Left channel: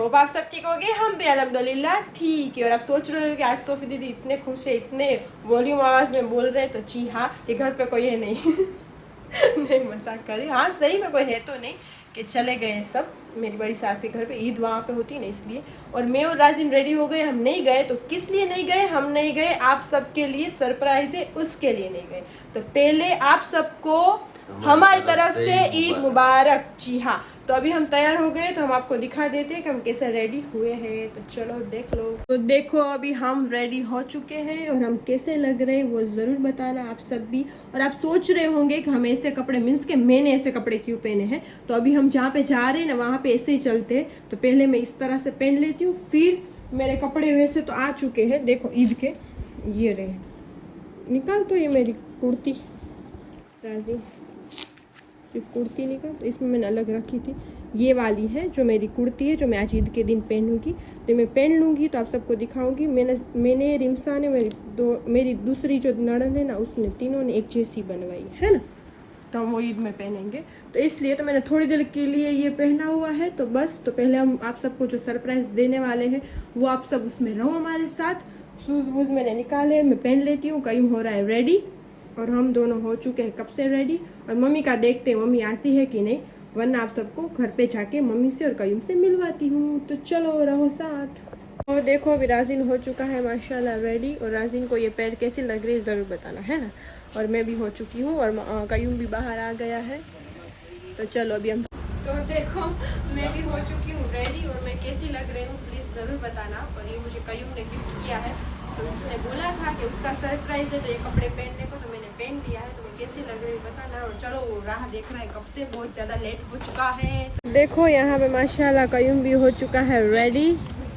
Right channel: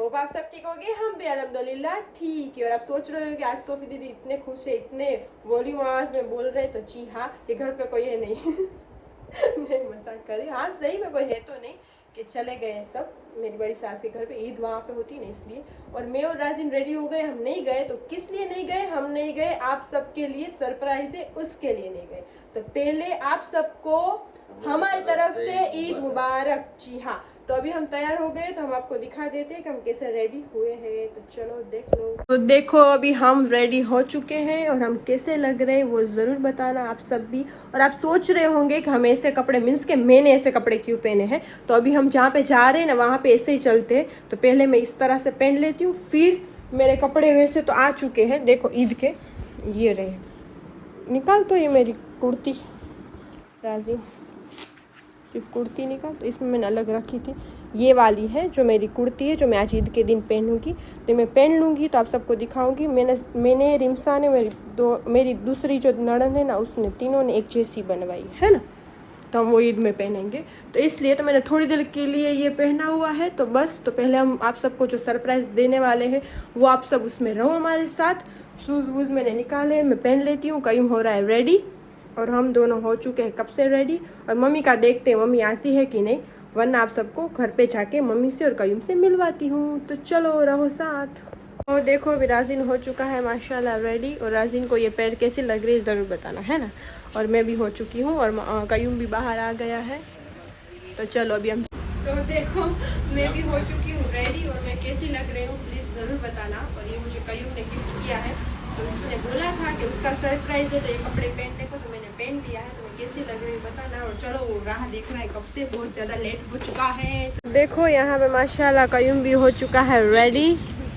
Hope आप सब ठीक हो गए। हम भी अल्हम्दुलिल्लाह ठीक है। और आप सोच रहे हो कि आज सोफी दीदी इतने खुश है, इतने वॉल्यूम आवाज में बोल रहे हैं, तो जी हाँ, ये घर पे कोई है नहीं। नहीं मजाक कर रही, हाँ सही में कोई है तो नहीं कि चले गए सब मेरी बड़ी सास के घर पे, ईद वहाँ पे होती है ना इसलिए। और मैं और राजिन रेडी हो गए, हम नहीं गए तो किस लिए नहीं गए, हम नहीं गए आप सबके लिए सरप्राइज है उसके लिए नहीं गए। तो पहले आप सबको हमारी तरफ से ईद मुबारक। जी हाँ, तो अभी हम तैयार हो गए तो हम आपको दिखा देते हैं कि हम कैसे रेडी हुए हैं, तो चलो देख लो। तो देखो अभी हम रेडी हो चुके हैं और हम कैसे लग रहे हैं वो ज़रूर बताना आप सब भी। और आप सोच रहे होंगे कि हम ऐसे कपड़े मीन्स के मैंने ऐसे कपड़े क्यों पहने हैं, तो अभी हम जहाँ पे जा रहे हैं ना वहाँ पे ऐसे ही चलते हैं। तो पहले मैं इस तरह से पहन लेती हूँ, फिर मेरे कपड़े वैसे तो आ चुके हैं, देखो ईद के ये रहे। निकाल तो ये मेरी कुर्ती राजी, सिर्फ कुर्ती निकाल, तो इसमें मैंने अलग रखी थी, ये वाली है जो मेरी कुर्ती है जो मैं आज ईद के दिन पहनूंगी। तो मैं पहन लूँगी तो आप सबको दिखाऊंगी। मैंने रिमसा ने मेरी दूसरी जो नड़न है ना उसने, तीनों ने एक जैसी बनवाई है ना, तो हम वो ईद में पहनेंगे। तो इसलिए तो मैंने थोड़ी देर के लिए ये पहना हुआ है। तो बस तो पहले हम आप सबको जो सरप्राइज़ देने वाले हैं वो आप सब उसमें रहो हमारे साथ। शूज़ वूज़ मैंने निकाले, मैं पहन लेती हूँ। कहीं हो रहा है रेडी और हम दोनों हो चुके हैं कब से रेडी। और मम्मी का देखते हैं मम्मी आती है कि नहीं, वरना आप सबको घर पे जाके मम्मी से और कयूम से मिलवाती हूँ। तो चलो रहो साथ। तो देखो अभी राजिन हो चुका है माशाल्लाह रेडी। और राजिन को ये पैर कैसी लग रही है ज़रूर बताना है ना। और मैं भी हो चुकी हूँ और कयूम भी बाहर आ गया है। तो चलो अभी हम, तो देखो मैं भी हो चुकी हूँ रेडी और मैं कैसी लग रही हूँ प्लीज़ ज़रूर बताना। और ये मुझे कयूम ने गिफ्ट किया है, उसने बोला था कि उसका सरप्राइज है तो ये कपड़े पहनने को, तो मैंने पहन किया है। तो कैसी लग रही है बताना। और चलो वो राह देख रहा है कब से, बहुत ज़्यादा लेट हो चुका है। देखो यहाँ पे माशाल्लाह कयूम भी हो चुका है रेडी।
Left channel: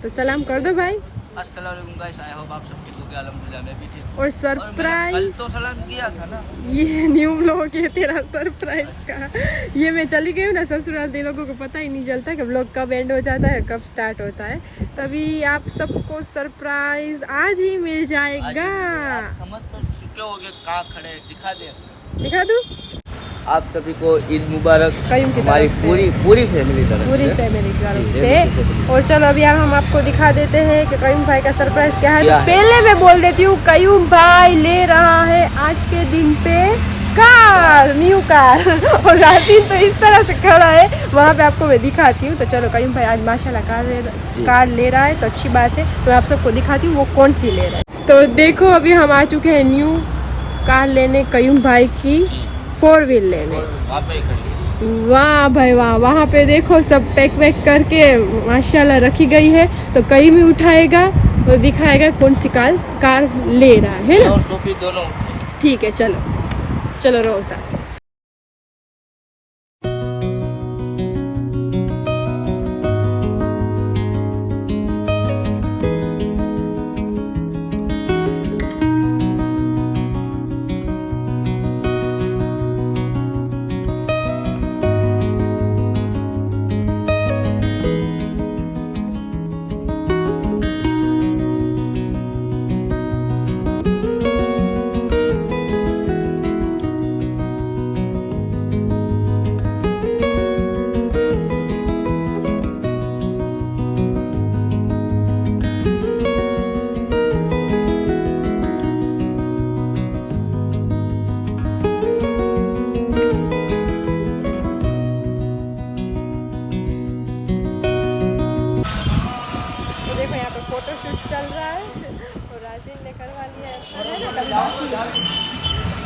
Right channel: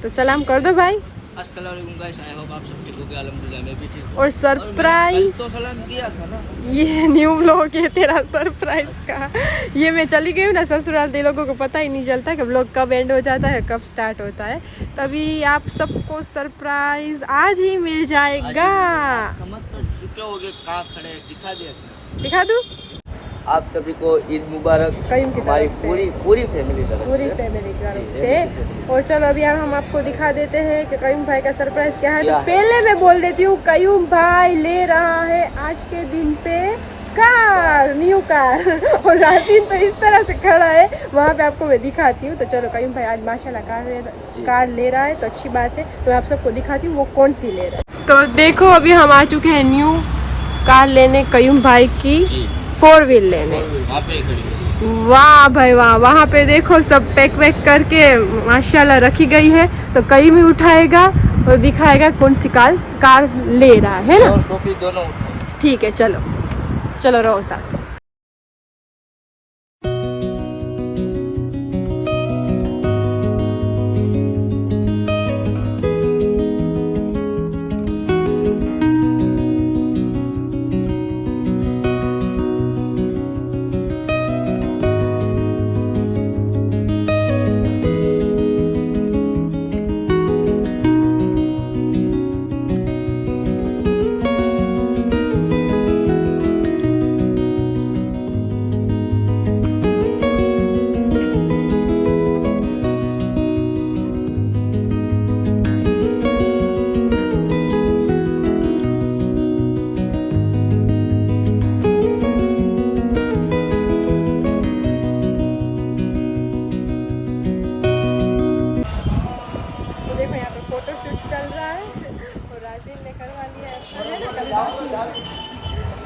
तो सलाम कर दो भाई। अस्सलाम वालेकुम गाइस, आई होप आप सब ठीक हो गए। अल्हम्दुलिल्लाह मैं भी ठीक हूं। और सरप्राइज तो सलाम किया था ना, ये न्यू व्लॉग है तेरा सरप्राइज का। ये मैं चली गई हूँ ना ससुराल, तो लोगों को पता ही नहीं चलता कि व्लॉग कब एंड हो जाता है कब स्टार्ट होता है। तभी आप सबको सरप्राइज आज ही मिल जाएगा। समझ कर चुके होगे कहां खड़े, दिखा दूँ आप सभी को ईद मुबारक हमारी पूरी फैमिली तरफ पूरी फैमिली की तरफ से। और चलो अभी हम आपको दिखा देते हैं कि कयूम भाई का सरप्राइज क्या है। पहले मैं बोल देती हूँ, कयूम भाई ले रहा है आज के दिन पे कार, न्यू कार। और राजिन तो इस तरह से खड़ा है, वहाँ पे आपको मैं दिखाती हूँ। तो चलो कयूम भाई आज माशाल्लाह कार ले रहा है, तो अच्छी बात है। मैं आप सबको दिखाती हूँ वो कौन सी ले रहा है। तो देखो अभी हम आ चुके हैं न्यू कार लेने, कयूम भाई की 4 व्हील लेने। वाह भाई वाह, वहाँ पे देखो सब पैक वैक करके माशाल्लाह रखी गई है। तो कयूम ही उठाएगा और दिखाएगा कौन सी कार ले रहा है ना। और सोफी दोनों ठीक है, चलो चलो रहो साथ।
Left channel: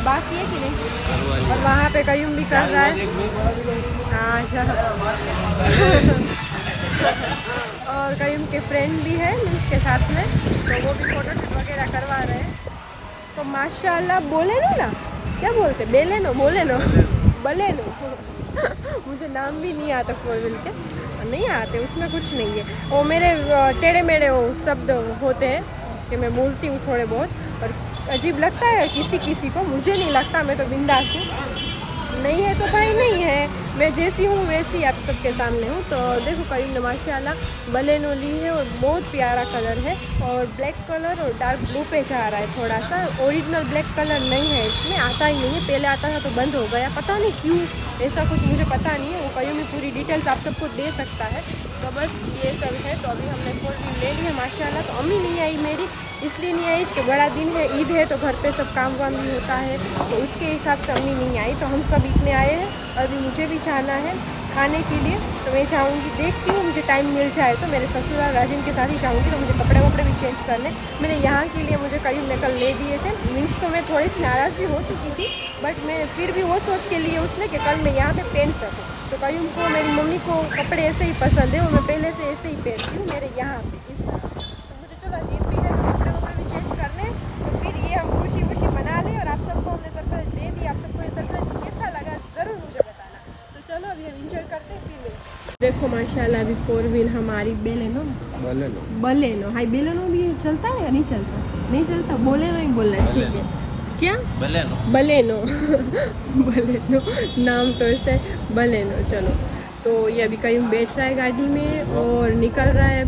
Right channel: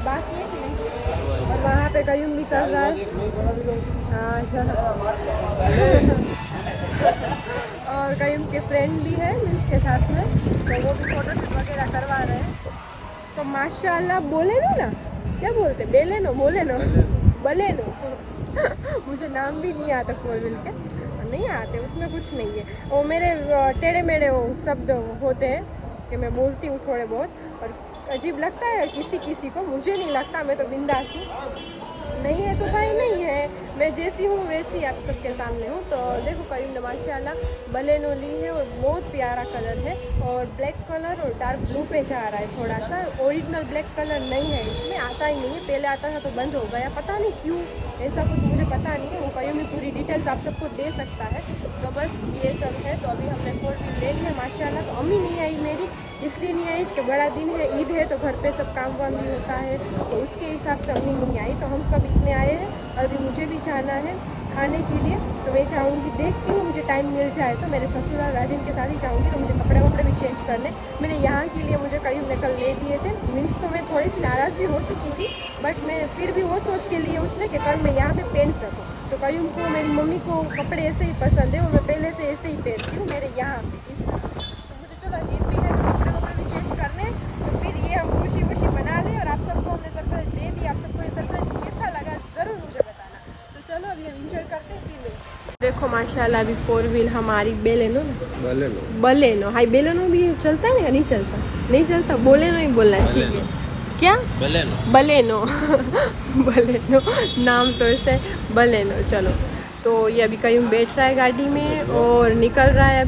बाकी है कि नहीं, और वहाँ पे कयूम भी कर रहा है। और कयूम के फ्रेंड भी है उसके साथ में, तो वो भी फोटोशूट वगैरह करवा रहे हैं। तो माशाल्लाह बोले ना क्या बोलते, बेले नो बोले नो बले नो। मुझे नाम भी नहीं आता 4 व्हील के, नहीं आते, उसमें कुछ नहीं है। वो मेरे टेढ़े मेढ़े वो शब्द होते हैं कि मैं बोलती हूँ थोड़े बहुत, और अजीब लगता है किसी किसी को, मुझे नहीं लगता, मैं तो बिंदास हूँ। नहीं है तो भाई नहीं है, मैं जैसी हूँ वैसी आप सबके सामने हूँ। तो देखो करीम ने माशाल्लाह बलेनो ली है और बहुत प्यारा कलर है और ब्लैक कलर और डार्क ब्लू पे जा रहा है थोड़ा सा। ओरिजिनल ब्लैक कलर नहीं है इसमें, आता ही नहीं है, पहले आता था तो बंद हो गया, पता नहीं क्यों, ऐसा कुछ मुझे पता नहीं है। वो कहीं भी पूरी डिटेल्स आप सबको दे सकता है। तो बस ये सब है। तो अभी हमने 4 व्हील ले ली है माशाल्लाह। तो अम्मी नहीं आई मेरी, इसलिए नहीं आई कि बड़ा दिन है, ईद है, तो घर पे सब काम वाम भी होता है, तो उसके हिसाब से अम्मी नहीं आई। तो हम सब ईद में आए हैं और अभी मुझे भी जाना है खाने के लिए। तो मैं जाऊँगी, देखती हूँ मुझे टाइम मिल जाए तो मेरे ससुराल राजिन के साथ ही जाऊँगी। तो मुझे कपड़े वपड़े भी चेंज करने, मैंने यहाँ के लिए मुझे कहीं ने कल ले दिए थे। मीन्स तो मैं थोड़ी सी नाराज़ भी हो चुकी थी, बट मैं फिर भी वो सोच के लिए उसने कि कल मैं यहाँ पे पहन सकूँ। तो कहीं को मेरी मम्मी को कपड़े ऐसे ही पसंद है और मैं पहले से ऐसे ही पहनती हूँ मेरे यहाँ पे इस तरह से। तो मुझे चलो ईद भी है तो कपड़े वपड़े भी चेंज करने, तो फिर ये हम खुशी खुशी मना लें। और आप सबको हमने सरप्राइज़ दे दी, आप सबको ये सरप्राइज़ कैसा लगा ज़रूर मुझे बताना। तो चलो अभी हम इंजॉय करते हैं, फिर मिलते। देखो माशाल्लाह अभी 4 व्हील हमारी बेलेनो हाई बेलेनो भी चलता है या नहीं चलता? नहीं चलता, बोलेनो ही बोलना है, ठीक है। क्या बलेनो बलेनो नाम तो ऐसे बलेनो। चलो तो ये अभी कहीं बैठ रहा है गाड़ी में और निकल रहा है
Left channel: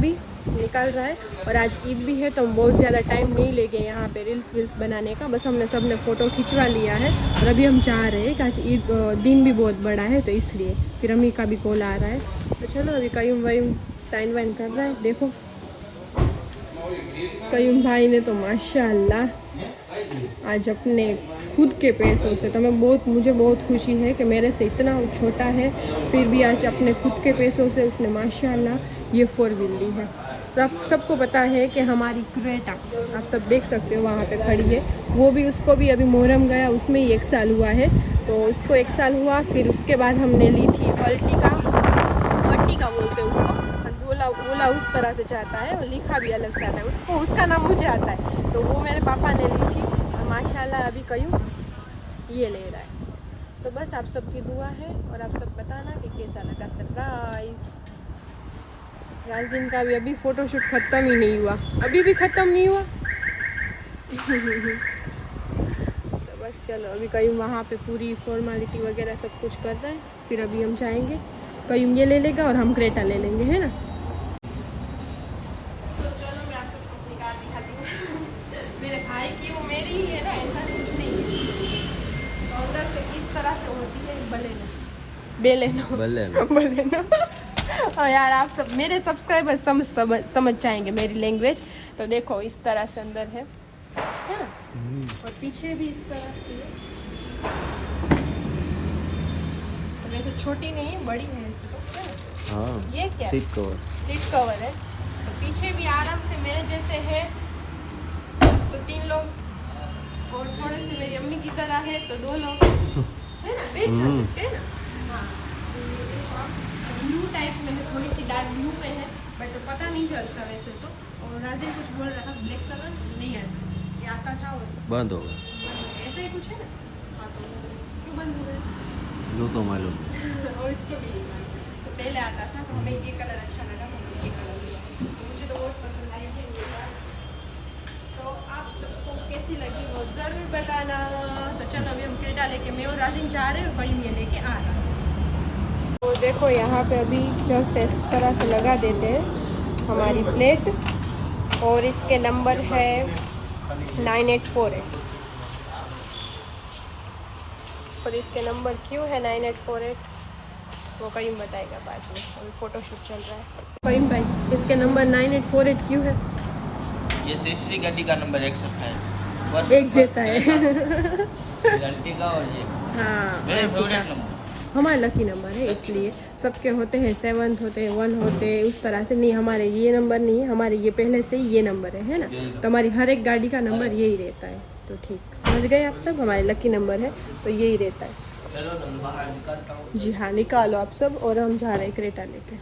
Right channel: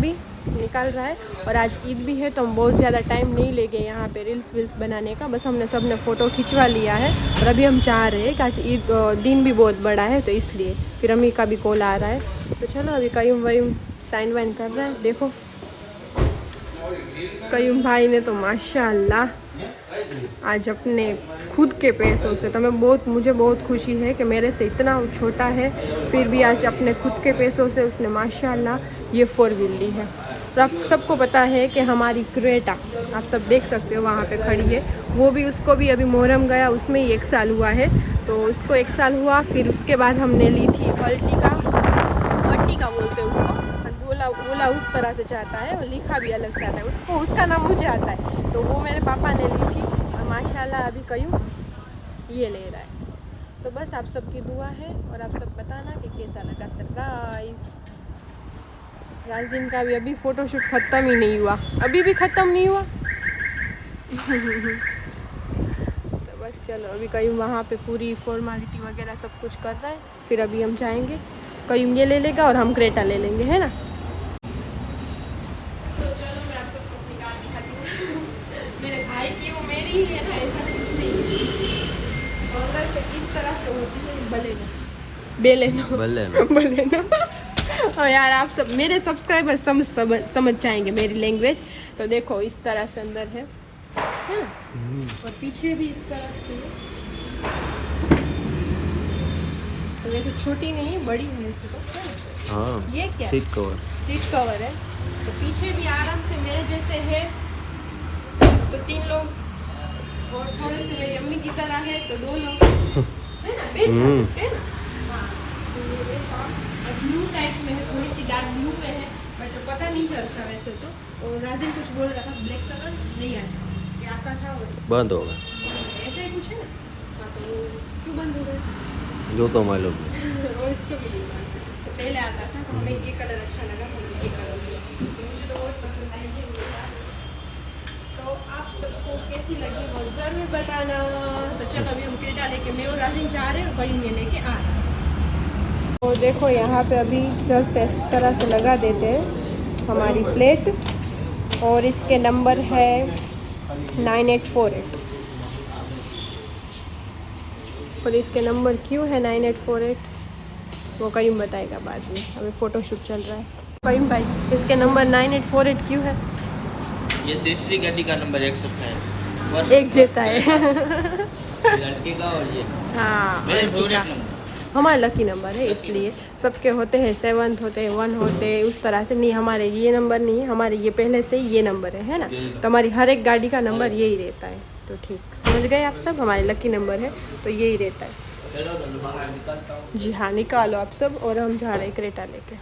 और आज ईद भी है तो हम बहुत ज़्यादा टाइम नहीं ले गए यहाँ पे रील्स वील्स बनाने का। बस हमने सबने फ़ोटो खिंचवा लिया है और अभी हम चाह रहे हैं कि आज ईद दिन भी बहुत बड़ा है तो इसलिए। फिर अम्मी का भी कॉल आ रहा है, तो चलो अभी कयूम वयूम साइन वाइन कर रहा है। देखो कयूम भाई ने तो माशाल्लाह आज अपने खुद के पैसों से, तो मुझे बहुत खुशी है कि मेरे से इतना छोटा है फिर भी आज अपने खुद के पैसों से उसने माशाल्लाह ये 4 व्हील ली है। तो आप सबको पता है कि हमारी क्रेटा आप सब देख सकते हो वहाँ पे खड़ी है, वो भी उसको भी अभी मोहरम गया उसमें ही 1 साल हुआ है, तो उसको 1 साल हुआ। फिर उसके बाद हमने ली थी अर्टिगा बोलते हैं उसको, बोला उस तरह से चाहता है और लिखा भी अलग चाहता है उसको, उसका नाम मुझे आता है। तो वो मेरे पापा ने ली थी और माशाल्लाह अभी कयूं ये ले रहा है। तो बस आप सबकी दुआ है और आप सब बताना कि कैसा लगा सरप्राइज़। राजिन का भी अभी फ़ोटोशूट ख़त्म ही नहीं हुआ, अभी भी ख़त्म नहीं हुआ तो बस चलो अभी कहीं वहाँ पे पूरी फॉर्मेलिटी वगैरह सब कुछ कर रहा है, फिर अभी हम जाएंगे, कहीं ये ले लेगा और हम क्रेटा ले लेंगे, है ना। तो चलो मैं आप सबको दिखा दी मेरे भाई की वो मेरी ही है ना, ऐसा कुछ नहीं है। अंदर से इस तरह से होती है बलेनो और यार आप सब मेरे सब्सक्राइबर समझ जाएंगे मेरी लैंग्वेज। तो देखो इस तरह से अंदर है ना, और पीछे भी इस तरह से है। तो वैसे छोटी नहीं है, बड़ी है वैसे तो, है ना? हाँ, ये क्या सीट कवर है। तो पीछे भी आराम से मेरे जैसे है तो 3 लोग और थोड़े से मेरी अम्मी की तरह है तो 2 लोग, है ना, बैठ सकते हैं ना। ब्लू टाइप में है, थोड़ी सी डार्क ब्लू में है, बट पता नहीं चलता वैसे तो। और राजिन कुछ बोल रहा था ब्लैक कलर नहीं आता, ये आता था और बंद होगा, ऐसे ही कुछ है ना। हाँ तो क्यों बंद हो गया जो तो मालूम और इसको भी तो पहले आता था, तो हमें ये कलर अच्छा लगा, हमें ये कलर मुझे तो बहुत पसंद आई है। तो आप सबको कैसी लगी वो ज़रूर बताना। तो चलो अभी हम क्रेटा लेके मैं और राजिन जा रहे हैं, कहीं में लेके आ रहा है। तो देखो यहाँ पे अभी जस्ट इस तरह से लगा देते हैं हमारी प्लेट और इसके नंबर है 9848 और इसके नंबर क्यों है 9848 वो कहीं बताएगा बाद में, हमें फ़ोटोशूट चल रहा है। कहीं भाई इसके नंबर 9848 क्यों है? ये तीसरी गाड़ी का नंबर एक साथ है, बस एक जैसा है लड़की का और ये हाँ मेरे फेवरेट नंबर, हमारा लकी नंबर है, इसलिए सबके होते हैं 7 होते हैं 1 होते हैं उस तरह से नहीं, हमारे ये नंबर नहीं है, हमारे ये पहले से ये नंबर है ना। तो हमारी हर एक गाड़ी का नंबर यही रहता है। तो ठीक समझ गए आप सब, हमारे लकी नंबर है तो यही रहता है। जी हाँ निकालो आप सब, और हम जा रहे हैं क्रेटा लेके।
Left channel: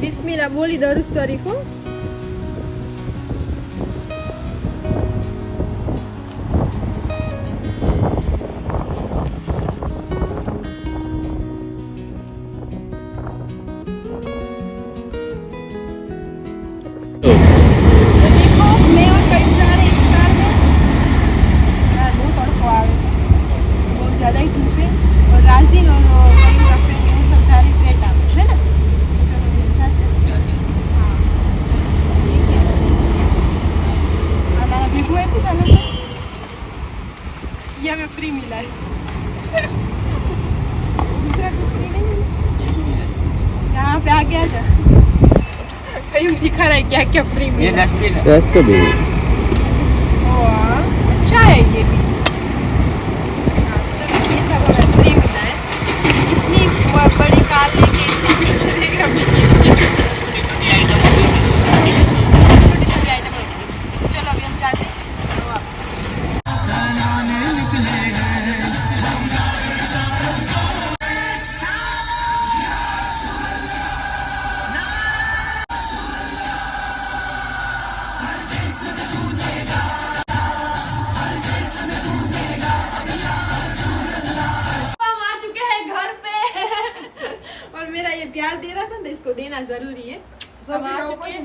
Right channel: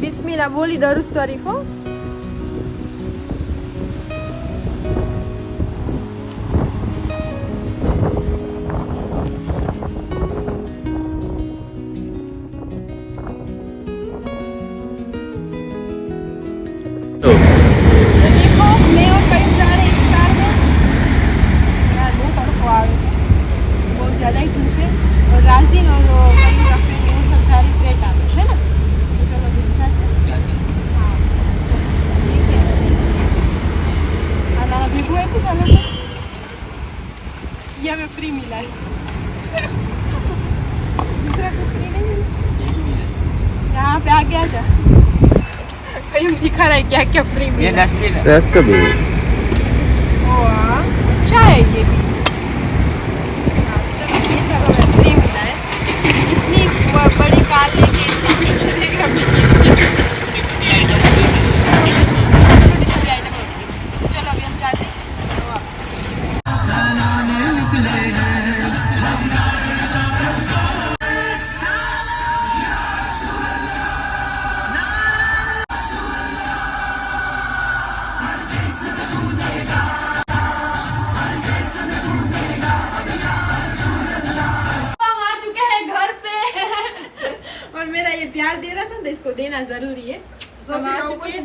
बिस्मिल्लाह बोली दरूद शरीफ हो। आगे आजा। कहीं दिखा रहा है क्या क्या फ्री में। ये डस्टबिन है। अच्छा है ये भी। हाँ, चलो ये सब हमें फ्री मिला है। इतनी बड़ी कार लेके छोटी छोटी आइटम होती है। तो चलो अभी हम जाते हैं। तो आप आ चुके हैं घर पे और मेरा ये प्यार दे रहा था तो इसको देना जरूरी है। सब आ चुके हैं।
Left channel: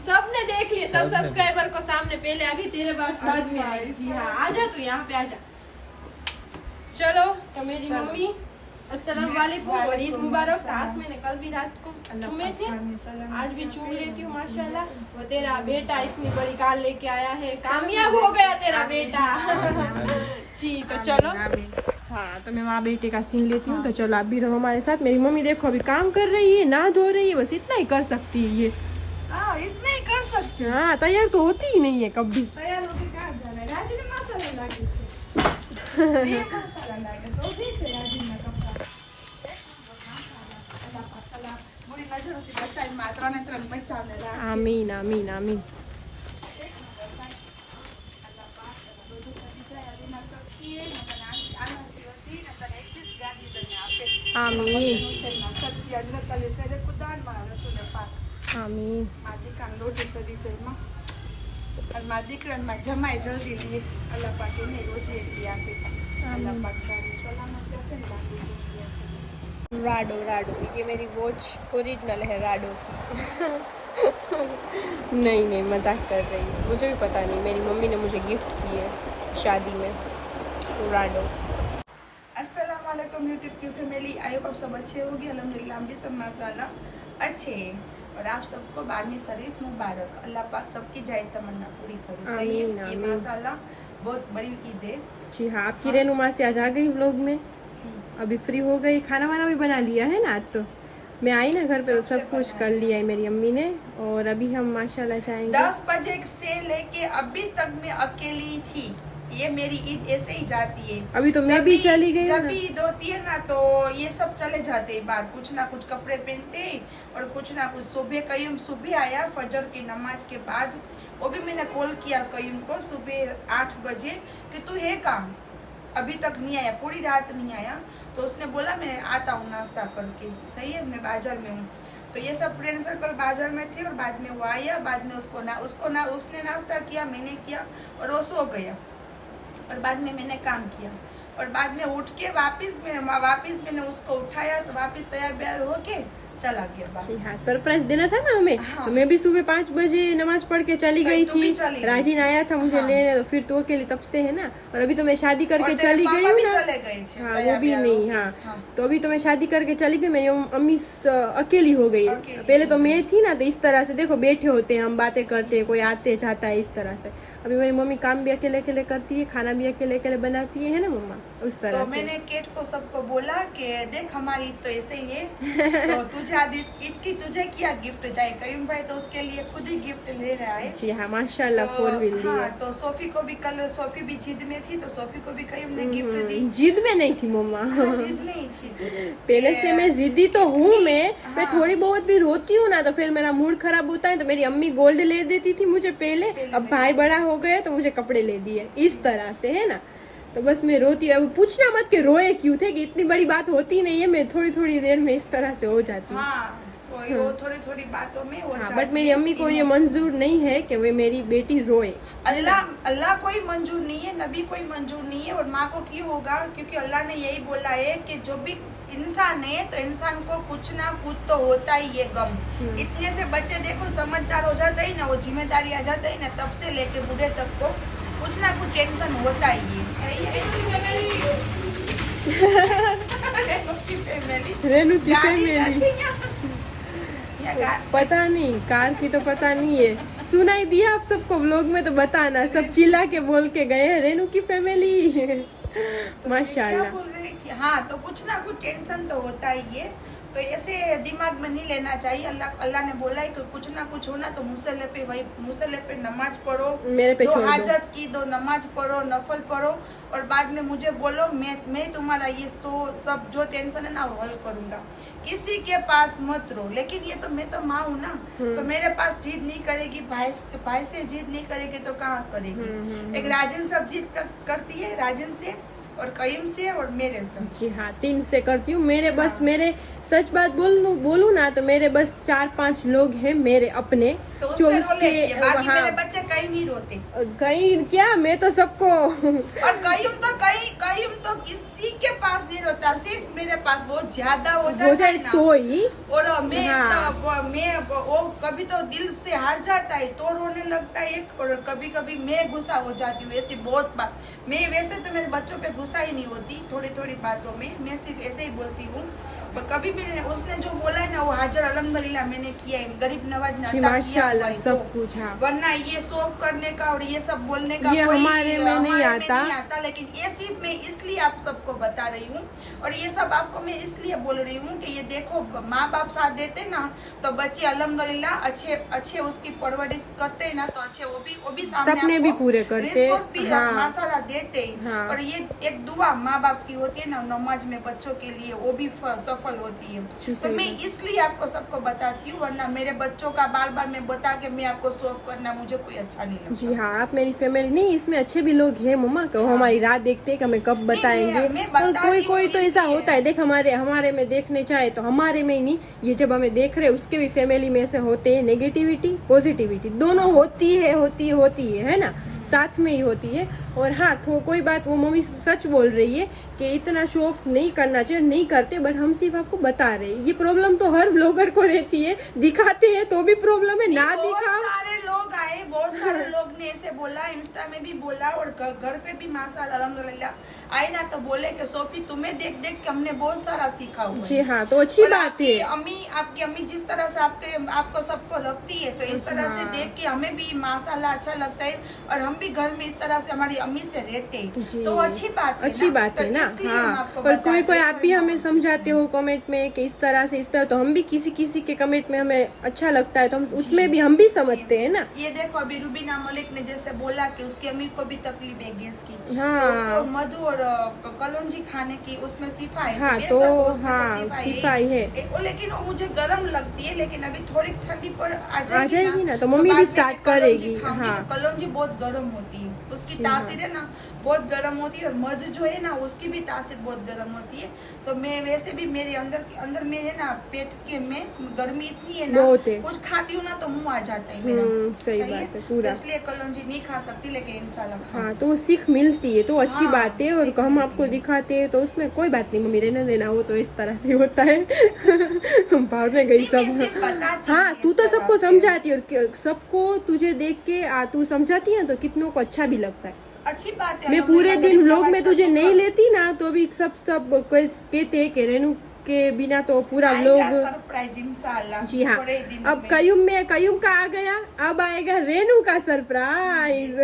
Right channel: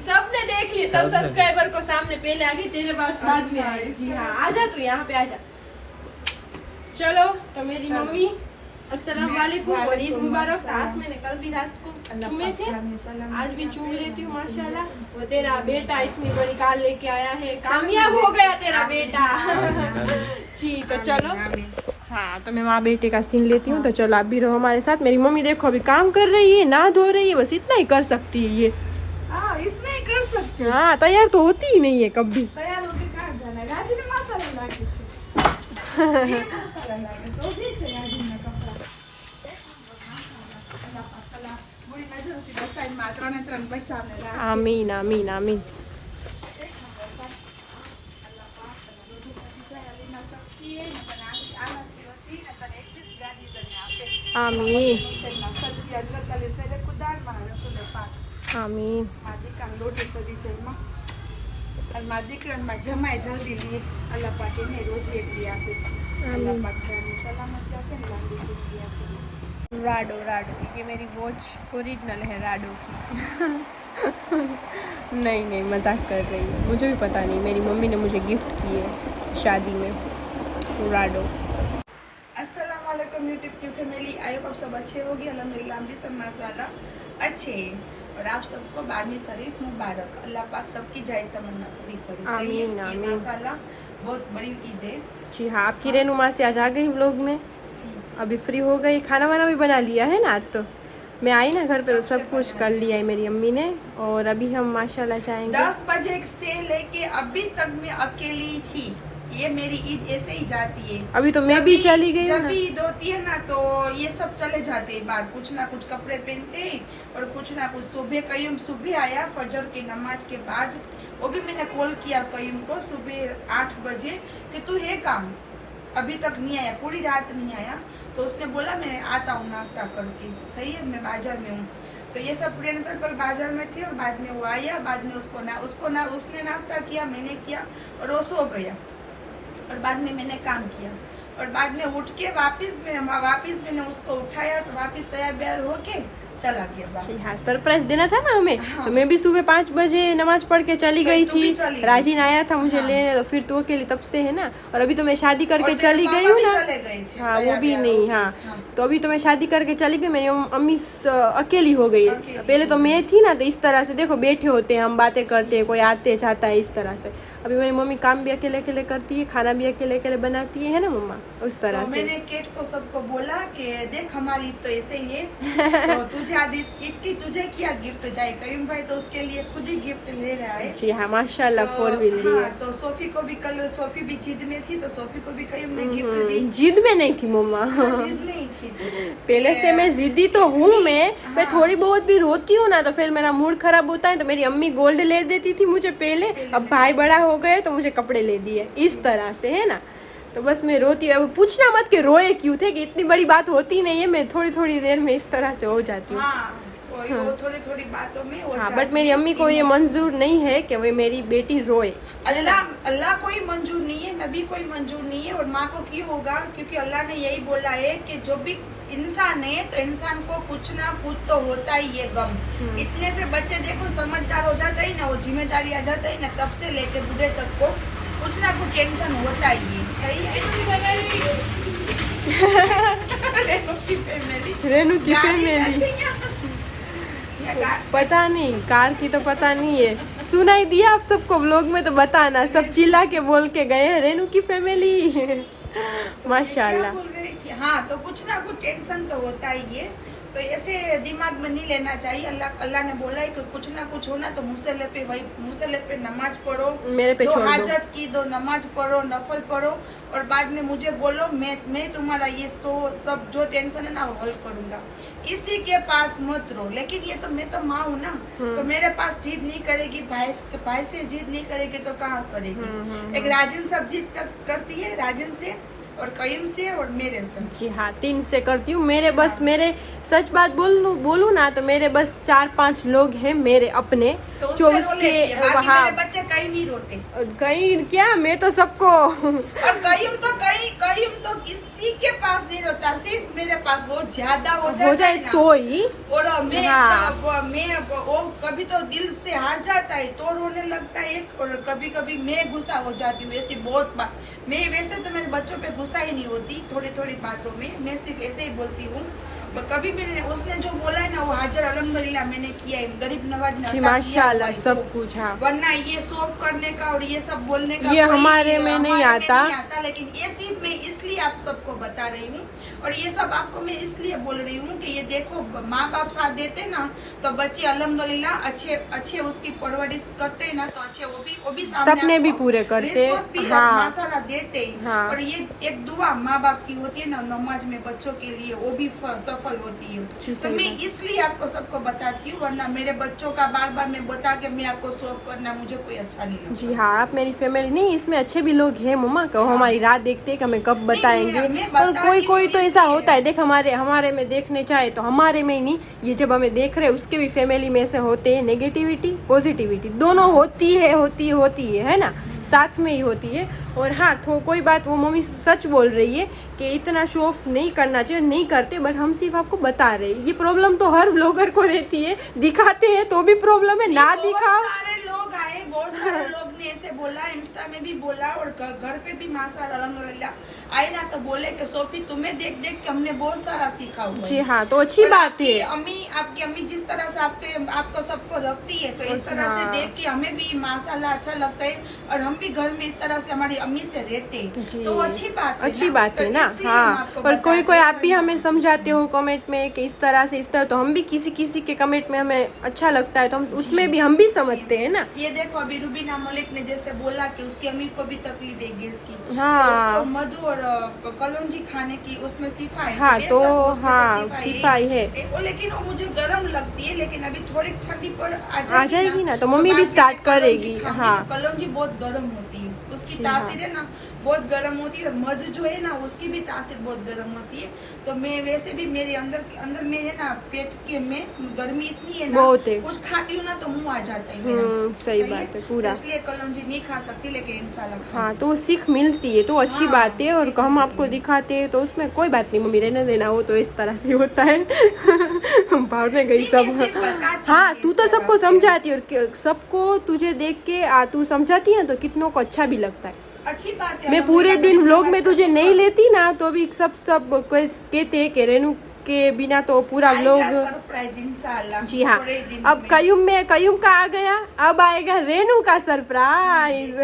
सबने देख ली, सब सब्सक्राइबर को सामने पहले आ गई, तेरे पास बाद में आएगी। हाँ आजा तू यहाँ पे आजा। चलो तो मेरी मम्मी अस्सलाम वालेकुम और ईद मुबारक। रात में कल भी रात चूमे थे, आज भी चूम लेती हूँ माशाल्लाह। वो तेरा बेटा इतनी बड़ी कार लेके आया है, कामयाब हो गया तेरा बेटा। ठीक तो चलो। हाँ तो मैं वहाँ बेटे का सीन लेती हूँ। तो चलो आप भी रहो हमारे साथ। मेरी मम्मी देखो अभी काम कर रही है, ना धो रही है, बस इतना ही कर सकती है ये। इतना ही कर सकते हैं। हाँ तैयार तो होती ही नहीं है कभी। तैयार होके कहाँ जाना है? गाजी में मसाला लागे છે. ये मसाला लागे. सोधी છે ગાજી में कपड़ा. पूरी बाजू से बच्चा मात्रा में तो बच्चा में. आमीन आमीन आमीन। आमीन आमीन। દીકરામાં જમાય જલ્દી લે અલ્લાહ પાક એને રોજ એક દી આપે અલ્લાહ પાક સલામત રાખે ને લાંબી જિંદગી આપે. राडो राडो ये मेरी वॉच ओरिजिनल है राडो की। नहीं नहीं मजाक कर रही हूँ, मुझे भी पता नहीं, मेरी मम्मी ने मुझे गिफ्ट की है शादी में राडो। अस्सलाम वालेकुम यूट्यूब की फैमिली। आई होप आप सब अच्छे होगी। अल्हम्दुलिल्लाह हम भी सब माशाल्लाह अच्छे हैं और आप सबको 12वीं शरीफ मुबारक। अल्लाह पाक सबकी जाए तमन्ना पूरी करे। सही है, आमीन, ये आमीन। माशाल्लाह बहुत बड़ी ईद है। जी हाँ आपकी रेनू माँ से आज आ गई व्लॉग में, जी अभी फ्री हो गई, खाना वाना भी बना लिया है ना। आज तो मैं आई ना घर पे तो सब कुछ कर लिया है मेरी अम्मी ने। और अभी हम माशाल्लाह जाएंगे। 10 बजे से लेके अभी तक मैं अकेली थी। ये मेरी ईद ऐसे ही जाती है। अभी तो मैं भी चली गई हूँ जब ना। भी ईद होती है ना तो ये सब चले जाते हैं बाहर, कुछ ना कुछ कपड़े पहनते हैं और कुछ ना कुछ। कयूम सुबह आया फजर की नमाज के बाद, वो भी मैंने कॉल किया कयूम को सुबह 8 बजे कि तू है काम, अभी तक नहीं आया, पूरी रात नहीं आया। तो उसने बोला मैं आता हूँ नाश्ता करके। सही है, मैं बाजार में हूँ। तो ये सब फ्रेंड सर्कल बाजार में थे और बाद में वो आया, बाद में उसने नाश्ता किया, मैंने किया और वो सो गया और बाद में मैंने काम किया और बाद में उठ के वापिस मैंने उसको उठाया तो वापिस तैयार बैयार होके चला गया बाहर। जी हाँ सरप्राइज देना था ना हमें। हाँ। तो मैं भी सुबह 5 बजे नमाज पढ़ के चली गई तू थी। भी चली गई। राजीन आया था मुझे हाँ। लेने, तो फिर तो अकेले तब से है ना। और अभी तो मैं शादी करके और तेरे चली पापा गई हूँ भी ना। चले गए थे, हाँ वो तैयार भी बैयार नहीं। होके। हाँ हाँ। तो अभी तो मैं शादी करके चली गई, मेरी अम्मी अकेली हो गई है। अकेली। पहले तो मैं थी ना, तो इस तरह से देखो बैठे होते हैं हम, बातें करते हैं, कोई आते जाता है इस तरह से। अभी मेरी मम्मी काम भी अकेले अकेले करती है, खाना भी अकेले अकेले बनाती है ना मम्मा, उस तो तरह से। मैंने केट को सबको बोला कि देख हमारी ईद तो ऐसे ही है। तो तुझे आज ईद की तुझे क्या गिफ्ट जाए? करीम भाई तो उसके लिए खुद ही गिफ्ट ले रहा है। जी हाँ माशाल्लाह तो, 4 व्हील ली है। हाँ, तो सोफी को भी कल, सोफी भी जिद में थी तो सोफी को भी करीम ने गिफ्ट दी। जिद में नहीं थी मम्मा। जिद में ही थी। पहले से मैं जिद्दी तो हूँ मैं थोड़ी बहुत भी रोती हूँ ना तो फिर मेरा मूड खराब होता है। तो मेरी अम्मी गोल्ड ले देती थी मुझे पहले, अब भाई बड़ा हो गए तो मुझे कपड़े ले दिए, इस तरह से है ना। तो बस मैं रोती हूँ। अब पूछना मत कि रोए क्यों थे, कि इतनी बड़ी बात होती नहीं है, मैं थोड़ी थोड़ी देर में इस तरह से हो जाती हूँ। हाँ, वो थोड़ी थोड़ी बातों में हो हाँ जाती बट मेरी है। अम्मी को ये मंजूर नहीं है कि वो मेरी बेटी रोए। अल्लाह कोई मंजूर नहीं है, नबी कोई मंजूर नहीं है और माँ को क्यों होगा? क्योंकि अल्लाह ने यही बोला है कि जो भी इंसान है तो इंसान को कुछ ना कुछ तो होता ही है गम। इतने से बच्चे देखो समझदार हो जाते ही ना, वो जिम्मेदारी आ जाता ही ना, तब से लेके बूढ़े तक को कुछ ना कुछ टेंशन होता ही है। सही है। रेनू की फैमिली पता नहीं, कार की तो पता नहीं है, सुनाई दिया आप सबको व्लॉग में तो बताना। सब चिल्ला के बोल के गए हैं रेनू की फैमिली। तो माशाल्लाह। क्या बोल रही थी? हाँ तो कुछ ना कुछ टेंशन तो होता ही है। तो ऐसे दिमाग में नहीं लेना चाहिए। अल्लाह ने बोला है कि कुछ ना कुछ होना तो मुसल्ले पे नमाज पढ़ो, मेरे पे दो छोड़ दो। हाजत की, दो नमाज पढ़ो, नफल पढ़ो, और बाद में मुझे बोलो, मैं तुम्हारा ये सब जो टेंशन है ना वो हल करूंगा। किसी के पास मत रो। लेकिन ये तो मैं तो माँ हूँ ना, तो मेरे पास जिद नहीं करेगी, भाई से जिद नहीं करेगी तो कहाँ करेगी। एक राजन सब जिद करती है, राजन से और कईम से और मेरे से। जी हाँ, 3 से करती हूँ। मेरे बस मेरे सच बात बोलूँ ना तो मेरे बस 4-5 लोग हैं मेरे अपने, तो 24 के वहाँ। मेरे बच्चे कहीं नहीं रोते, कहीं क्या, मैं तो सबको और कईम तो किसी के पास नहीं रोता, सिर्फ मेरे पास बहुत ज्यादा हो जाए ना, तो ही। और मैं हाँ। वो कभी तो दिल से हार जाता है तो रोने लगता है, और कभी कभी मैं गुस्सा हो जाती हूँ। ऐसी बहुत बात, मैं वैसे तो मेरे बच्चों पे गुस्सा ही नहीं होती, थोड़ी थोड़ी बातों में मैं सिर्फ ऐसे ही बोलती हूँ। पर कभी भी उसने जो बोला है ना वो हाजिर अल्हम्दुलिल्लाह मैंने किया है। गरीब नवाज ने अता माशाल्लाह किया सब तो। कुछ। हाँ, वरना ये शोक करने का और ये सब बोलने का ये कोई हमारे में नहीं आता। लेकिन ये सिर्फ मैं इसलिए आप सबको बता रही हूँ, और ये सब आपको मैं इसलिए बोल रही हूँ कि ये देखो, माँ बाप साथ देते ना तो बच्चे अल्हम्दुलिल्लाह अच्छे उसकी परवरिश करते ना तो अच्छे वो भी सपने भी पूरे करते। हाँ, माशाल्लाह देते ही। हाँ। और ये एक दुआ माँ बाप की होती है ना नमाज में बच्चों के लिए, वो भी सफल होती है। तो मैं इसलिए आपको सबको बताती हूँ, वरना मेरे बच्चों का बार बार मैं बता के मैं आपको सोफ करना मुझे कोई अच्छा नहीं लगता। जी हाँ, आप मेरी फैमिली नहीं, इसमें अच्छे भी लोग हैं मम्मा, कहो हमारी रात देखते हैं कि हमें कब बताएंगे। और कोई तो ऐसा होता है, देख हमारे में देखने चाहे तो हमारे में ही नहीं, ये जब हमें देख रहे उसके भी फैमिली में से होते हैं, नेगेटिविटी पॉजिटिविटी दोनों होती है ना, साथ में ही होती है। और हाँ, तो कोई बात, वो मम्मी सच बोल रही है कि इतना शो ऑफ नहीं करना चाहिए, नहीं करते, बट हम सिर्फ आपको बता रहे हैं। ये प्रॉब्लम तो हर ब्लॉगर को रहती है, दिखाते हैं तो भी प्रॉब्लम है, ना दिखाओ। बहुत सारे लोग ने ऐसे बोला, इंस्टा में भी बोला, और घर पे भी माशाल्लाह अल्हम्दुलिल्लाह आए ना तो बोले कि सोफी तुम्हें देख देख के हमने बहुत सारा सीखा हुआ है। जी हाँ, तो अच्छी बात है। आपकी अम्मी जिस तरह से आपको सबको रखती है, तो इस तरह से देख के हमें भी माशाल्लाह अच्छा लगता है, और हम भी घर में इस तरह से हमारी अम्मी से रहते हैं, तो अच्छी बात है ना। हाँ, और कोई आप भी हमें समझाते हो कमेंट में कि इस तरह से, तो हम भी किसी के कमेंट में हमें अच्छा लगता है तो हम उसमें भी हम भी समझते हैं ना। ये देखो अभी रुबीना मलिक ने जैसे बोला कि उसकी अम्मी को भी तकलीफ है गैस की, हाँ, तो मधु और कलौंजी खाने की उसमें सिफा है। हाँ, तो हाँ सिफाई है, लेकिन वो मुझे गर्म लगती है, लेकिन अभी थोड़ी ठंडी पर आ जाएगी ना तो मम्मी भी स्टार्ट करेगी। हाँ, कलौंजी बहुत गर्म होती है, उसकी तासीर है ना बहुत गर्म होती है, और मधु जो है ना उसकी भी तासीर बहुत गर्म होती है। तो मैं वैसे भी मेरे अंदर में है ना पेट के में गर्मी इतनी है ना, कुछ खाती हूँ ना तो मुंह आ जाता है मेरा। सही बात है पूरा, इसलिए कलौंजी नहीं खा सकती, लेकिन इंशाल्लाह। हाँ, तो सीख मिलती है तो अच्छी बात है, और हम आपको दिखाते हैं तो उसमें कोई बात नहीं मम्मी, रहने देना, वो तो इस तरह से होता है। हम भाग में गई सब। हाँ, तू तो सबको समझाती है, और सबको तुझे देख के तू समझाती है तो कितनों को अच्छा भी लगता है। अच्छी बात है। मैं पूरे दिन व्लॉग में तुझे नहीं लेती ना तो भी सब कहते हैं कि रेनू के बिना तो पूरा व्लॉग। जी हाँ, अब कयूम का आ गया, अब आएगा रेनू का सरप्राइज।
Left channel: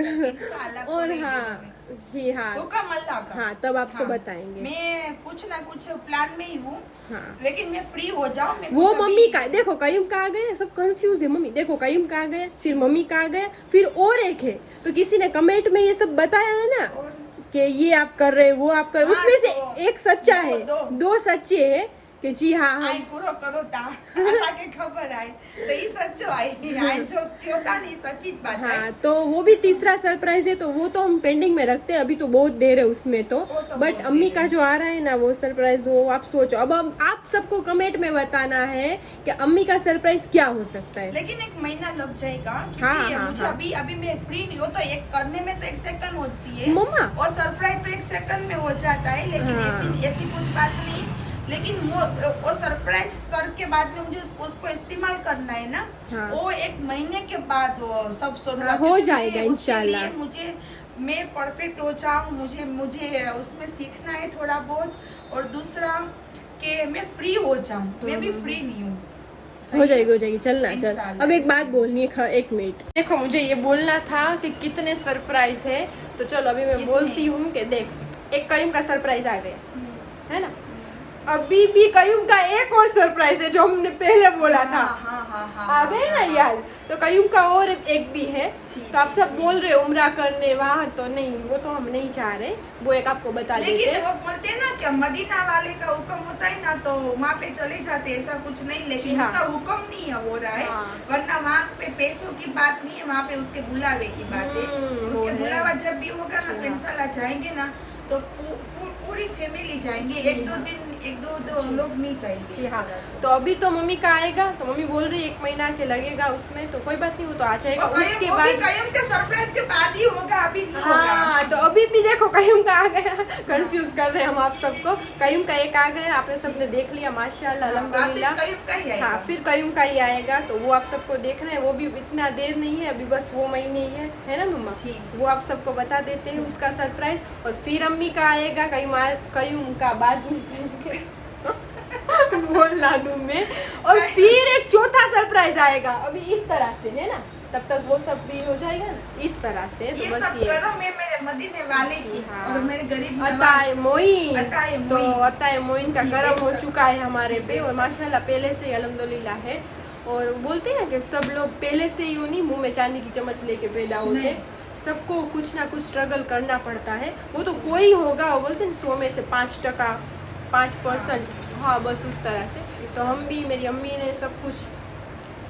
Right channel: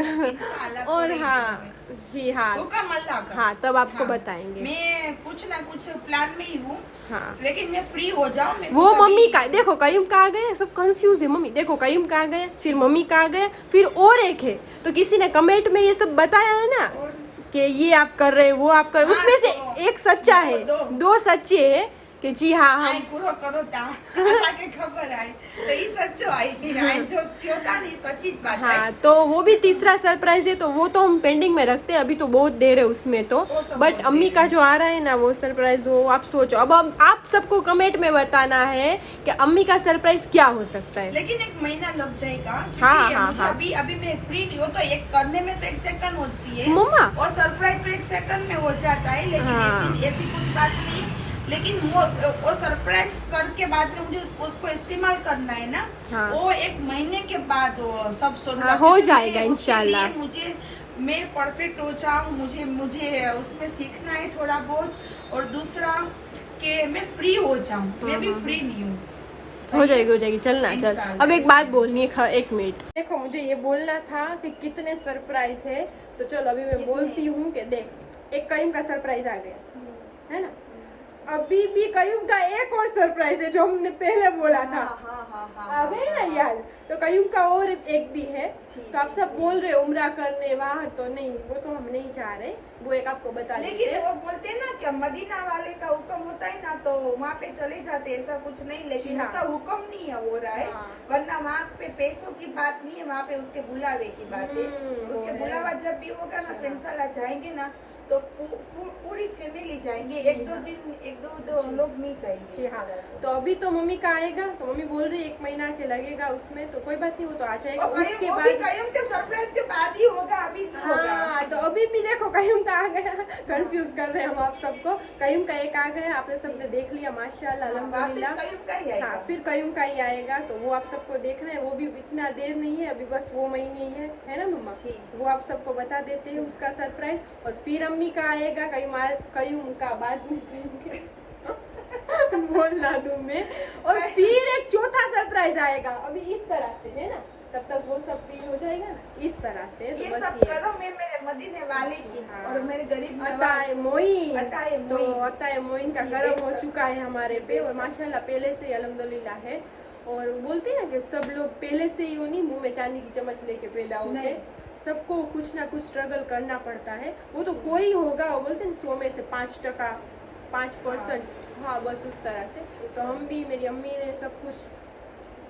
और हाँ जी हाँ, तब आपको बताएंगे। मैं कुछ ना कुछ प्लान में ही हूँ। हाँ, लेकिन मैं फ्री हो जाऊँ। वो मम्मी का देखो, कयूम का आ गया, सब कंफ्यूज है मम्मी। देखो कयूम का आ गया, फिर मम्मी का आ गया, फिर और एक है, तो किसी ने कमेंट में ये सब बताया है ना कि ये आप कर रहे, वो आप कर रहे, उसमें से एक सच्चा है, दो सच्चे है कि जी हाँ पूरा करो के खबर आई तो ये सच्चो आई जो होता नहीं सच्ची बात है। हाँ, तो वो भी तीसरा सरप्राइज है, तो वो तो हम पेंडिंग में रखते हैं, अभी तो बहुत देर है उसमें तो बट अम्मी का जो आ रहा है ना वो सरप्राइज, वो आप सोचो। अब आप सबको कमेंट में बताना है कि अम्मी का सरप्राइज क्या हो सकता है। लेकिन 1 महीना लग जाएगा। हाँ, मुझे अभी मैं फ्री नहीं हो, तो एक करने में तो 1 सेकंड होती है मम्मा, और सरप्राइज तो 1 सेकंड में हो जाता है। लेकिन ऐसी कुछ बात नहीं, लेकिन वो सरप्राइज करके बाद में मुझे उसको इस्तेमाल करना है ना। हाँ, वो 1 महीने के बाद वो सब शुरुआत हो जाएगा इंशाल्लाह। मैं परफेक्ट हो जाऊँ, मुझे उसमें सीखना है थोड़ा बहुत, और दूसरा कि मैं फ्री हो जाऊँ। मैं भी फ्री नहीं हूँ। हो जाएगी, चलना चल। अब एक बात बोलनी है, 1 मिनट। देखो मुझे ये बोलना था कि कितने सरप्राइज है, तो चलो अभी मैं बोलती हूँ कि देख, एक कयूम का सरप्राइज आ गया है ना, अभी भी कयूम का एक और सरप्राइज है जो हमने पहले बोला था। आ गई ना याद। तो कयूम का और एक भी है। तो आप सब बोल रहे उम्रा करने वहाँ, तो नहीं, वो तो हम नहीं चाह रहे, वो एक आपको बता देते। लेकिन वो बोलते हैं ना कि मदीना वाले का हुक्म होता है ना, तो वहाँ पे चले जाते, ऐसा कुछ नहीं। लेकिन हाँ। उसका हुक्म नहीं हो रहा है, वरना वहाँ पे पैसों की बात नहीं है, वहाँ पे उसके बुलावे की बात है। उसके बुलावा जब भी होगा ना, तो इंशाल्लाह जाएंगे ना, तो पूरी फैमिली जाएंगे, एक दो लोग नहीं जाएंगे। जी हाँ। तो अभी तो मम्मी का आएगा, तो मम्मी बोल रही 1 महीना के लगेगा उसमें, तो कोई बात नहीं, वो तो आ जाएगा। उसके बाद कयूम के सरप्राइज के बाद ही होगा, अभी नहीं हाँ, होगा। तो अभी भी देखो कयूम का आ गया। कंफ्यूज कर रहे हैं हम आप सबको। कयूम का एक आ गया, आपने सबने देख लिया माशाल्लाह अल्हम्दुलिल्लाह। कयूम का ही आएगा। हाँ, फिर कयूम का ही आएगा, तो वो आप सबको देख रहे हैं। वो भी इतना देर नहीं है, अभी बस वो महीने ही है ना मम्मा? वो आप सबको बता देते हैं उसका सरप्राइज। और फिर अम्मी का आएगा, कयूम का बाद में बोल ला दूं मैं। और फिर एक चौथा सरप्राइज आएगा, अभी इस तरह से है ना, तब तक वो सब भी हो जाएगा ना इस तरह से। ये तो सब करो मैं मेरे मदीने वाले की और मेरे गरीब अताए मोइन, अताए तो मोइन। अताए मोइन का करम हो चुका है हमारे पे, और माशाल्लाह पहले से ही अल्हम्दुलिल्लाह है। और बोलते हैं ना कि सब लोग पहले से ही नहीं मुंह में चांदी की चम्मच लेके पैदा होते, सबको कुछ ना कुछ स्ट्रगल करना पड़ता है। वो तो कोई होगा, वो बोलते हैं 100 में से 5%, 5%, हाँ बस उस तरह से। तो हम भी, मेरी अम्मी ने सब कुछ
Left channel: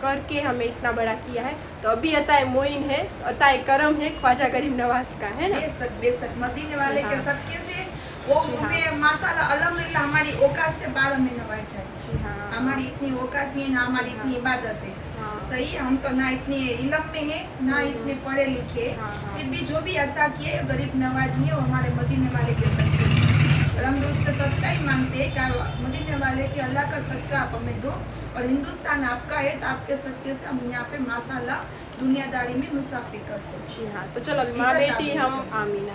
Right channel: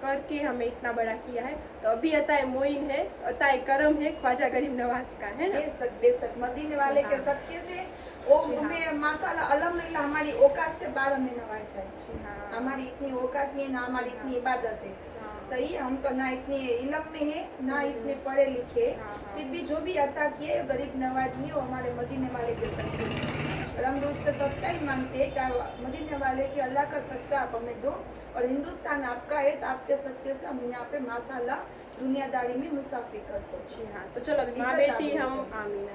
करके हमें इतना बड़ा किया है। तो अभी अताए मोइन है, अताए करम है, ख्वाजा गरीब नवाज का है ना। बेशक मदीने वाले के हाँ। सबके से वो हमें माशाल्लाह अल्हम्दुलिल्लाह हमारी औकात से बाहर में नवाजा है। हाँ। हमारी इतनी औकात नहीं है, ना हमारी इतनी इबादत है। हाँ। सही है, हम तो ना इतने इल्म में है, ना इतने पढ़े लिखे, फिर भी जो भी अता किए गरीब नवाज नहीं है, वो हमारे मदीने वाले के सदक़े से। और हम उसका सदका ही मांगते हैं कि मदीने वाले के अल्लाह का सदका आप हमें दो, और हिंदुस्तान आपका है, तो आपके सदके से हम यहाँ पे माशाल्लाह दुनियादारी में मुसाफिर कर सकते। जी हाँ। तो चलो अभी माँ बेटी हम आमीन,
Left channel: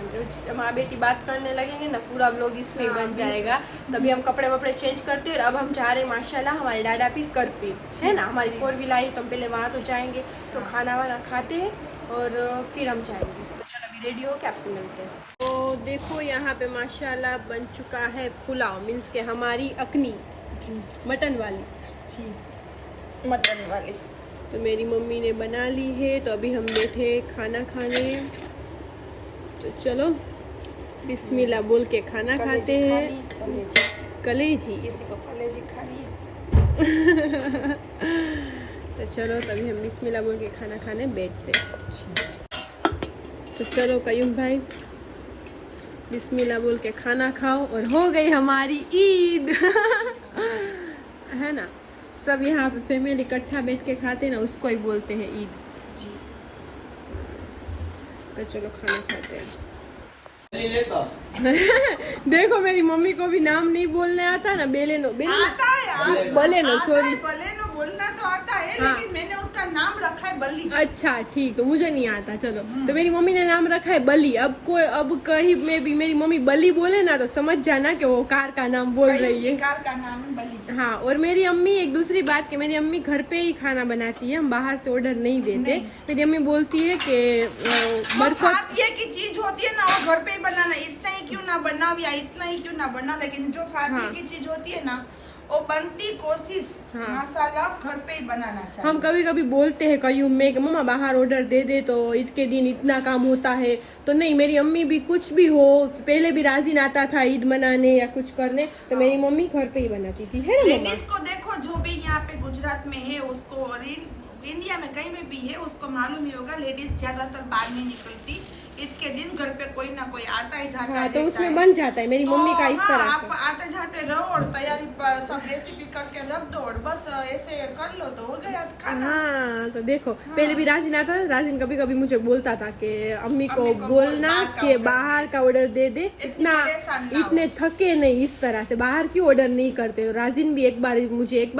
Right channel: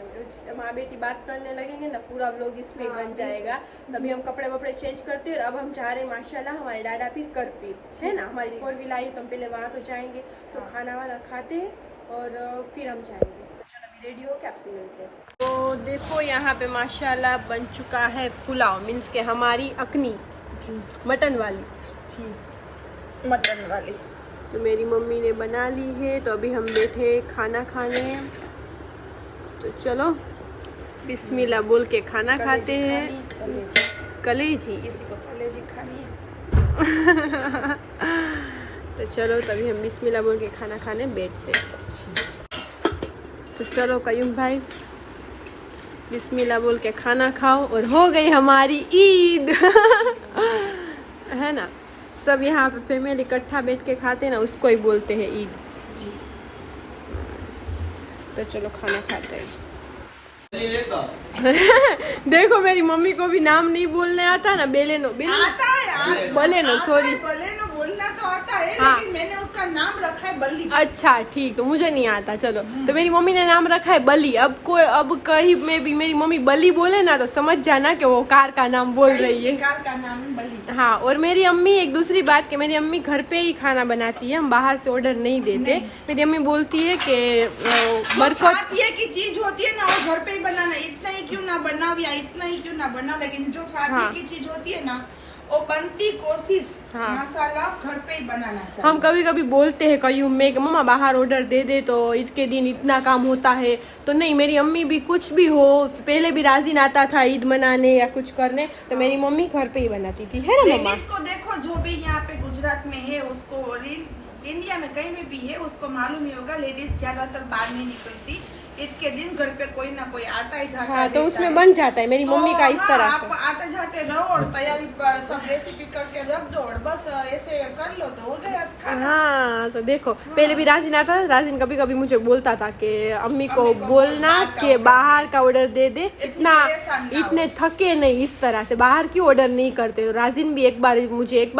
जब माँ बेटी बात करने लगेंगे ना, पूरा ब्लॉग इसमें बन जाएगा। तभी हम कपड़े वपड़े चेंज करते हैं। और अब हम जा रहे हैं माशाल्लाह हमारे डाडा पीर कर पे है ना, हमारी 4 व्हील आई, तो पहले वहाँ तो जाएंगे, तो खाना वाना खाते हैं और फिर हम जाएंगे। तो चलो अभी रेडी हो के आपसे मिलते हैं। तो देखो यहाँ पे माशाल्लाह बन चुका है पुलाव, मीन्स के हमारी अकनी मटन वाली। मटन वाली तो मेरी मम्मी ने बना ली है, तो अभी हम बैठे खाना खाने। तो चलो बिस्मिल्लाह बोल के खाना खाते हैं। कलेजी किसी को कलेजी खानी है। तो चलो तभी हम बिस्मिल्लाह बोल के खाना खाने बैठते हैं। तो चलो कयूम भाई बिस्मिल्लाह बोल के खाना खाओ, और हो गई हमारी ईद। है ना, सब यहाँ पे फैमिली इकट्ठा बैठ के खाते हैं ना, उसको ही बोलते हैं ईद। तो चलो खाना खाते हैं। देखो मेरी मम्मी को भी नाम नहीं बोलने आता ना, बेलेनो आता है बलेनो, सॉरी बलेनो बोलना तो आता है, हाँ। लेकिन मैंने उसका नाम रखा है बल्ली। अच्छा ठीक, तो मुझे नहीं आता। चलो तो मेरी मम्मी ने नाम रखा है बली। अब कहीं में भी मेरी मम्मी बली बोले ना, तो समझ जाना कि वो कार का नाम बोल रही है। कार का नाम है बल्ली। हाँ, और मेरी अम्मी एक दूसरी बात कि मेरी अम्मी घर पे ही खाना बनाती है, हम बाहर से ऑर्डर नहीं देते। मेरी अम्मी बोलती है कि बरकत ये की चीज होती है ना, वो घर पे ही बनाना, इतना ही क्यों ना बनाओ या इतना ही क्यों ना बनाओ, लेकिन जो फातिया हाँ। की चीज होती है ना, वो बनती कोशिश हाँ। मसाला घर पे ही बनाना चाहिए। हम कभी कभी बोलते हैं कयूम में कि मम्मा बाहर ऑर्डर दे दे, तो ईद के दिन इतना काम होता है। तो नहीं, मेरी अम्मी भी कुछ भी हो, पहले भी राजिन आता था ईद मनाने या कुछ करने, तो मेरी मम्मी घर पे ही बनाती थी, है ना मम्मा? लेडीज को देखो, जो भी यहाँ पे गुजरात में है, उसको इंडिया में कहीं में भी है, उसको मालूम ही होगा, लेडीज ज्यादातर बाहर नहीं निकलती। ईद के दिन घर पे कोई ना कोई आता ही जाता हाँ, है, तो देता उसमें है। बन जाता है मेरी मम्मी का इस हाँ, तरह आप से। आते जाते रहो और तैयारी पर सब रेसिपी करके रख दो, और बस ऐसे कर लो तो हो गया खाना। हाँ, तो देखो पहले भी राजिन आता, राजिन कभी कभी मुझे बोलता था कि अम्मी को बोलना कि बाहर का ऑर्डर दे दे, इतने थके नहीं, इस तरह से बाहर क्यों ऑर्डर नहीं करते। राजिन भी एक बार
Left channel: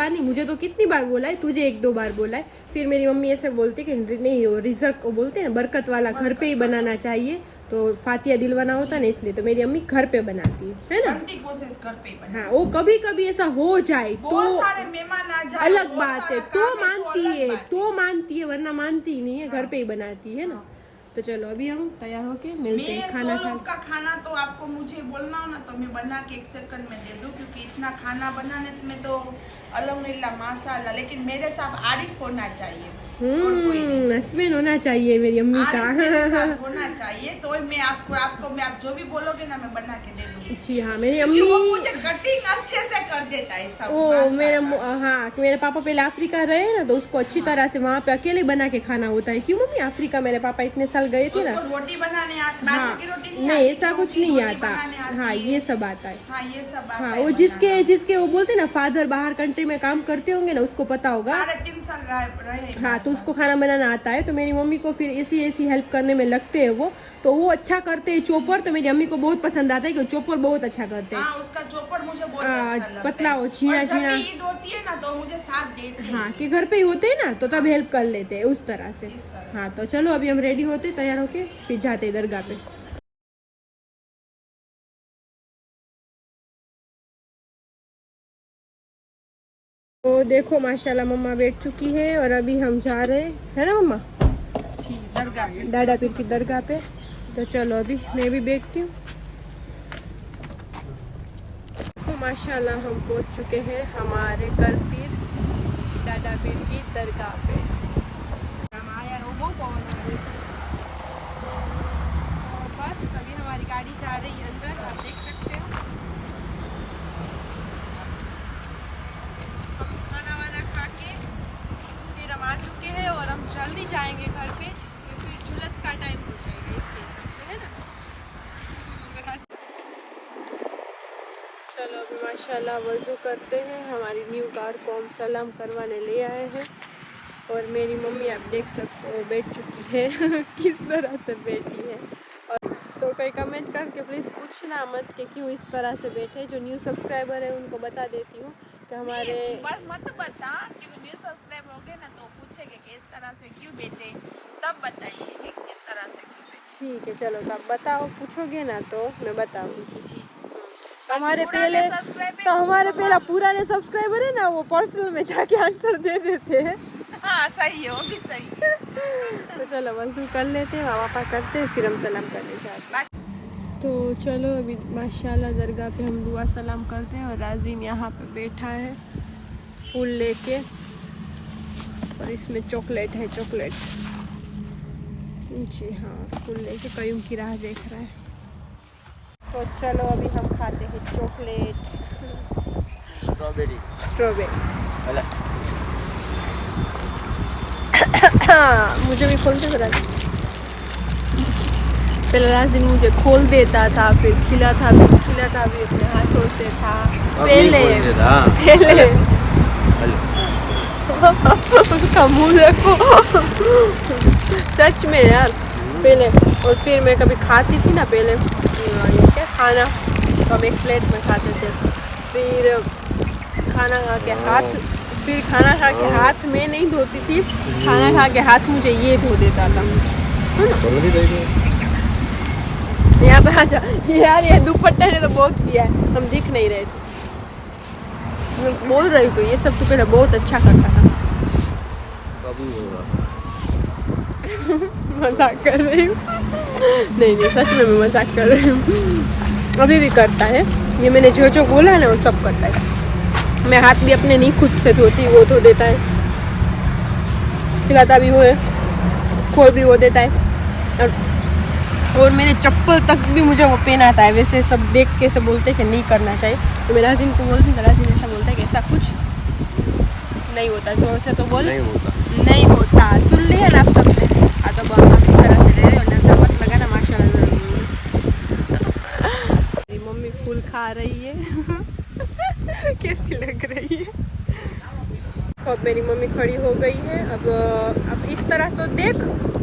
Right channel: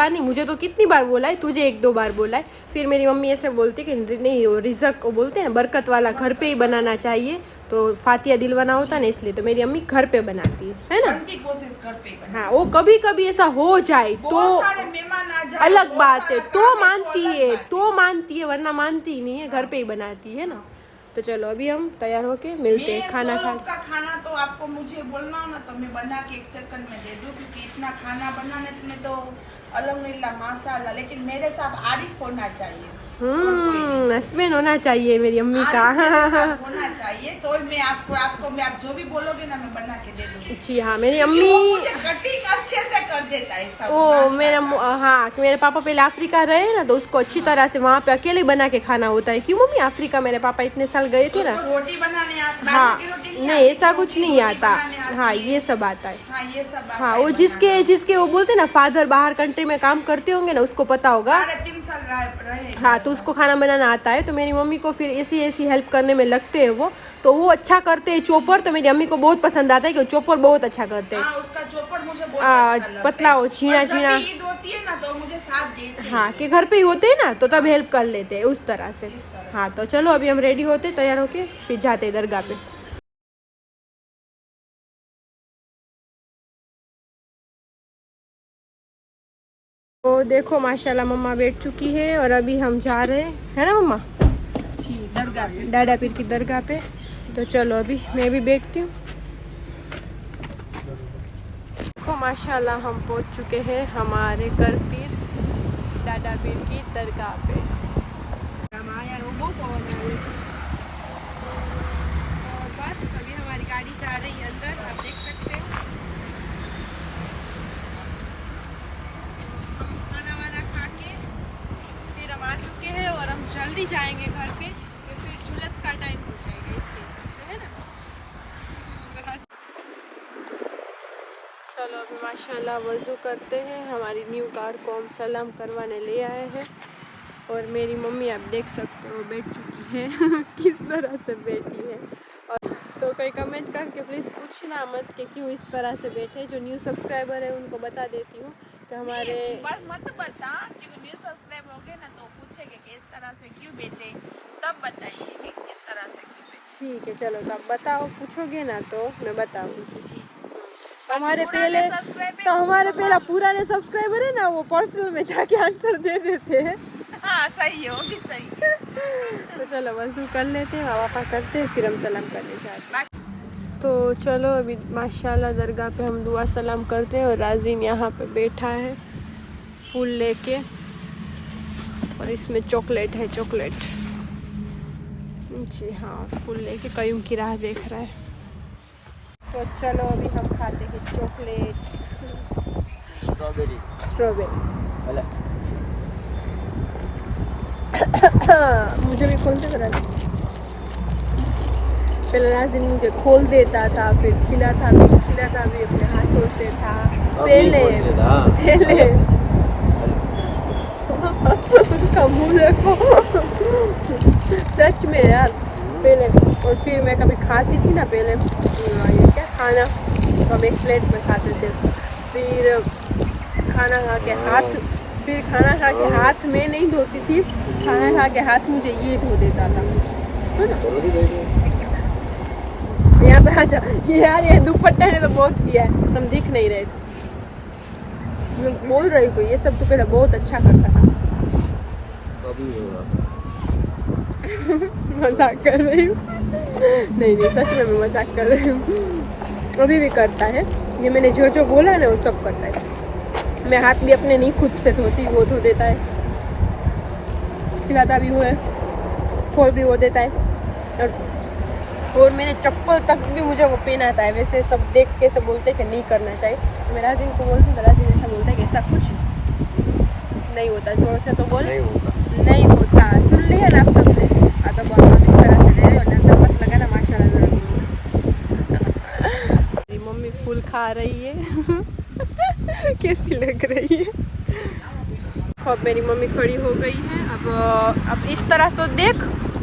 नहीं, मुझे तो कितनी बार बोला है, तुझे 1-2 बार बोला है। फिर मेरी मम्मी ऐसे बोलती कि नहीं, वो रिज़क को बोलते हैं बरकत वाला घर पे ही बनाना चाहिए, तो फातिया दिलवाना होता है ना, इसलिए तो मेरी अम्मी घर पे बनाती है ना। बनती कोशिश घर पे बनाना। हाँ, वो कभी कभी ऐसा हो जाए तो बहुत सारे मेहमान आ जाए, अलग बहुत बात है, सारा तो काम है, मानती अलग है, बात तो मानती है, वरना मानती ही नहीं है, घर पे ही बनाती है ना। तो तो चलो अभी हम तैयार होके मिलते हैं खाना मैं 100 लोग खा। का खाना तो आपको मुझे बोलना हो ना तो मैं बना के 1 सेकंड में दे दूं, क्योंकि इतना खाना बनाने में तो अल्हम्दुलिल्लाह माशाल्लाह, लेकिन मेरे साथ आरिफ होना चाहिए। हस्बैंड होना चाहिए मेरी अम्मी का। आरिफ मेरे साथ होना चाहिए, तो मैं आपको मैं आप जो भी बोलोगे ना मैं बना के दे दूंगी। जी हाँ, मेरी क्योंकि अम्मी। वो मुझे कटिंग अच्छे से कर देता है सब। ओ मेरा हाँ, कि मेरे पापा पहले अफ्रीका रहे ना, तो उसको अच्छी तरह से वहाँ पे अकेले बना के खाना होता है। क्यों मम्मी, अफ्रीका मेरे पापा इतने साल गए थे ना। उसको रोटी बनाने आती, हाँ बाजरे की रोटी नहीं, आती, ऐसा कुछ नहीं रोटी आता। बनाने आती हाँ है। ये सब आता है। हाँ ये सब आता हाँ है वो बनाना। जिसके वो बोलते ना फादर बाहर कंट्री में काम करते होंगे ना, उसको पता होगा। 3.5 साल रहे। हाँ तो उसको खाना बनाना आता है। तो मेरी मम्मी को फिर ऐसी हेल्प करने में लगते हैं वो, तो वो अच्छा करते हैं चोपर। तो मेरी अम्मी को बहुत पसंद आता है कि वो चोपर बहुत अच्छा करते हैं। हाँ उसका चोपर मुझे बहुत अच्छा लगता है। पतला हो, छीना और जब छीना। ईद होती है ना तो मुझे साथ देते हैं। हाँ कि घर पे ही होते हैं ना, तो तब हेल्प कर लेते हैं उस तरह से। इस तरह। हाँ तो चलो अभी हम रेडी होते, तैयार होके फिर जाते हैं दरगाह पे। तो देखो माशाल्लाह मम्मा बैठ चुकी है और अभी हम जा रहे हैं, है ना मम्मा, दरगाह पे। डाडा पीर की दरगाह पे। तो चलो अभी मैं भी बैठती हूँ। देखो माशाल्लाह हम पहुँच चुके हैं हमारे घर पीर डाडा पीर की दरगाह पे। तो बस अभी हमारी गाड़ी जा रही है अंदर, आप देख सकते हैं। खाना वाना खा के फिर हम आ चुके हैं और हम जल्दी जाएंगे घर पे, तो फिर जुलूस का टाइम हो जाएगा इसके हिसाब से, है ना। चलो अभी माशाल्लाह वज़ू करते हैं। हमारी न्यू कार को हम सलाम करवाने ले आए हैं और मेरी मम्मी आप देख सकते हो बैठ चुकी है किस तरह से बैठी है। और तो कोई कमेंट करके प्लीज़ पूछना मत कि क्यों इस तरह से बैठे। जो न्यू सब्सक्राइबर है उनको बता देती हूँ कि हमारे बस मत बता कि न्यू सब्सक्राइब हो गए ना तो पूछेंगे कि इस तरह से क्यों बैठे, तब बताएंगे कि किस तरह से क्यों बैठे। ठीक है चलो तब बताओ, पूछोगे ना तो मैं बताऊँगी। हमारे पुराने पहले सब्सक्राइबर तो हमारे पहला पुराने सब्सक्राइबर है ना, वो पर्सनल में जाके आंसर दे देते हैं। हाँ सही है, वो भी सही है। तो चलो वज़ू कर लेते हैं, वापस करते हैं, फिर हम सलाम करने जाते हैं। तो चलो अभी माशाल्लाह दरगाह पे हम दुआ सलाम करते हैं और राजीन यहाँ पे बैठा है फूल लेके, और इसमें चॉकलेट है, चॉकलेट। जी हाँ, फूल लेके कयूम की राह देख रहा है। तो चलो अभी हम खाते हैं चॉकलेट, स्ट्रॉबेरी। मुझे भी खोल दे जरा। पहले राजीन मुझे खोल देता था, फिर खिलाता भी अपने हाथों से था। पहले उसका मुंह देखो सच में यार पहले। और फिर मैं कभी खाती थी ना पहले ये क्या खाना, तो हम एक प्लेट में खाते थे। फिर खाना खा के हाथ में नहीं धोती थी, खाना खा के हाथ मुझे ये धो देता था। यहाँ पे आजा यार, ये दुपट्टे ने तो बहुत किया है, हम दिख नहीं रहे थे। मैं बोल रही हूँ ये सब तो पहले बहुत अच्छा करता था। मजाक कर रही हूँ। नहीं सच में मैं मजाक कर रही हूँ। अभी भी करता है ये, मैंने जो बोला है ना वो सब करता है। मैं हाथ भी अपने नहीं खुद से धोती, वो धो देता है। खिलाता भी वो है, खोल भी वो देता है। और मेरे चप्पल तक भी मुझे वो पहनाता है। वैसे सब देख के सब बोलते हैं कि नहीं करना चाहिए, तो मेरा राजीन को बोलती हूँ, राजीन ऐसा बोलता है कि ऐसा कुछ नहीं होता। जोर से तो बोल, नहीं होता। सुन लिया ना आप सबने। हाँ तो हम इस तरह से ले रहे हो, नजर मत लगा ना, माशाल्लाह जरूर बोलना। मेरी मम्मी फूल खा रही है कैसी लग रही है। अब मेरी मम्मी खड़ी हो गई है। अब इस तरह तो देख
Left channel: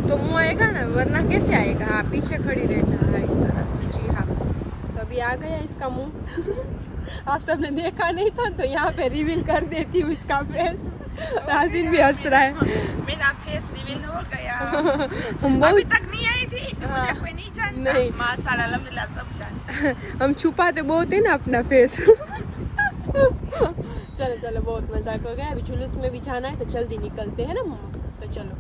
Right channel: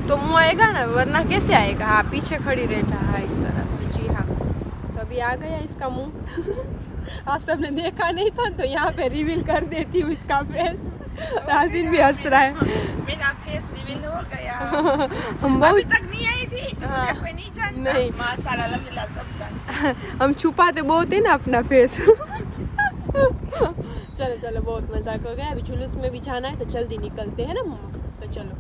तो मुँह आएगा ना, वरना कैसे आएगा। हाँ पीछे खड़ी रह जा, हाँ इस तरह से। जी हाँ, तो अभी आ गया इसका मुँह। आप सबने देखा नहीं था तो यहाँ पे रिवील कर देती हूँ इसका फेस। राजीन भी हंस रहा है। मेरा फेस रिवील हो गया। हम अभी तक नहीं आई थी। हाँ, नहीं जानता। नहीं माशाल्लाह अल्हम्दुलिल्लाह सब जानता। हम छुपाते बहुत है ना अपना फेस। चलो बहुत मजाक हो गया। अभी जुलूस में भी जाना है तो जल्दी निकलते हैं ना मम्मा, तो चलो।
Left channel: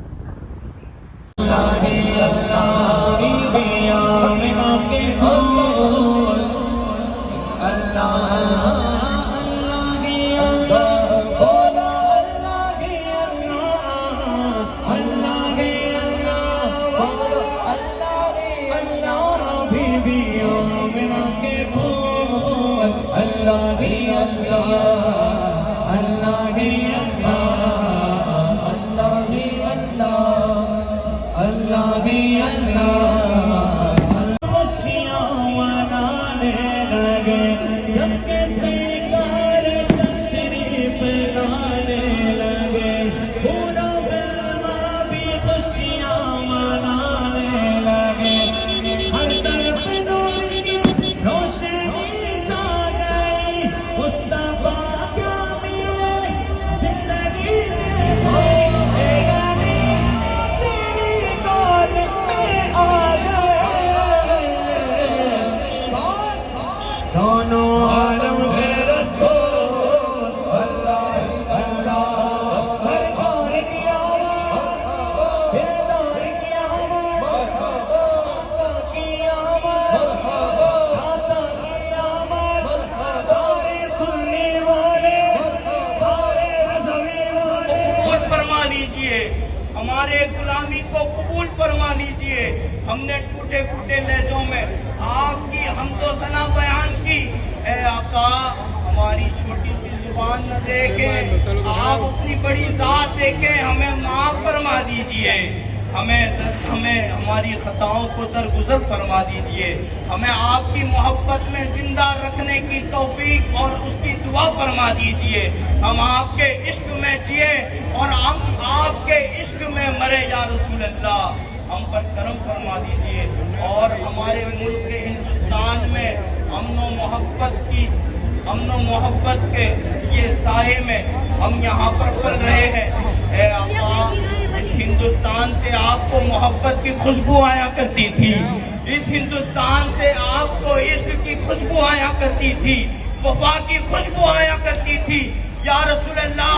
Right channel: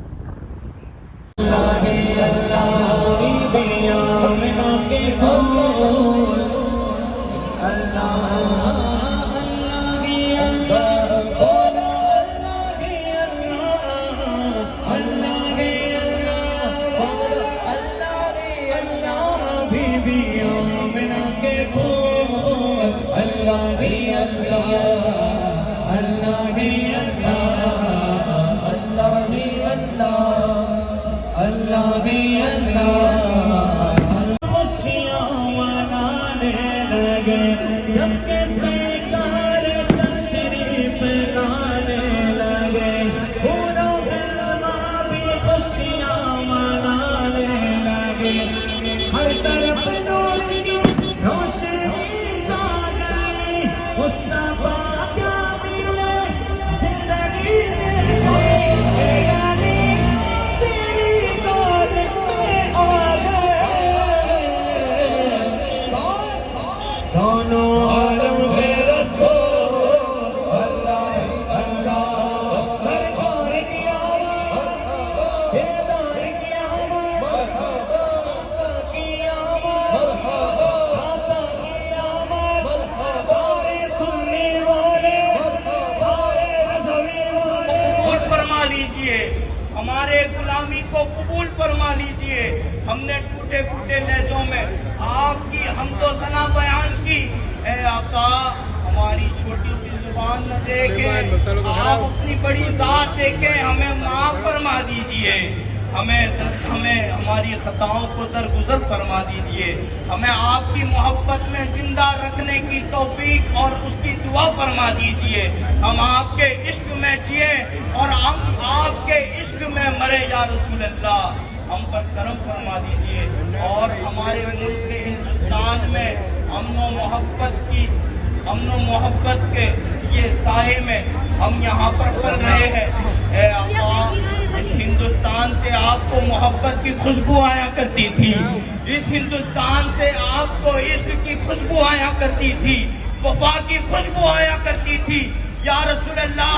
हमारे गुलामी को कबूल फरमा लीजिए। हमने टूटे फूटे लहजों में आपकी हमदो सना बयान की। ए आका, हमारी छोटी सी जुबान न देखे, आप अपनी बड़ी जात देखे, हमें माफ फरमा दीजिए। हमें हमारी खताओं को दरगुजर फरमा दीजिए। हमें आपकी मोहब्बत में जिंदा रखने की तौफीक और उसकी दुआ फरमा दीजिए। हम आपके इश्क में जिए और हम आपके इश्क में मरे या रसूल अल्लाह। हम पर करम फरमा दीजिए और हमारे मुल्क के हिंदुस्तान में अमन मोहब्बत के ये साये में हम यहाँ पर पल रहे हैं। ए आका, इस हिंदुस्तान से आपको मोहब्बत की खुशबू आया करती थी। इस हिंदुस्तान से आपको इश्क की खुशबू आया करती थी, वफा की खुशबू आया करती थी। या रसूल अल्लाह,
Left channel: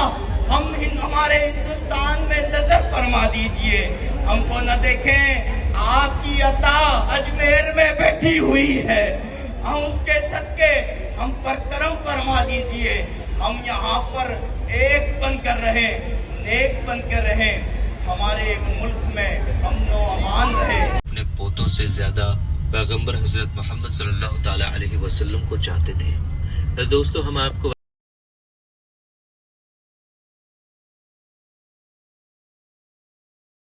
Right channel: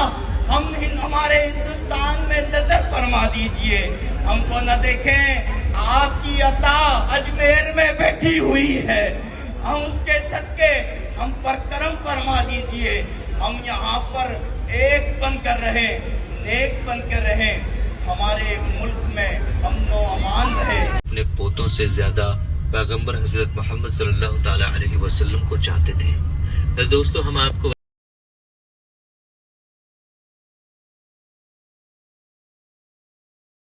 हमारे हिंदुस्तान में नजर फरमा दीजिए। हमको न देखें, आपकी अता अजमेर में बैठी हुई है। हम उसके सदके हम पर करम फरमा दीजिए। हम यहाँ पर एक बनकर रहे, नेक बनकर रहे, हमारे मुल्क में अमन अमान रहे। अपने पोतों से ज्यादा पैगंबर हजरत मोहम्मद सल्लल्लाहु अलैहि वसल्लम को चाहते थे। दोस्तों, हम आपको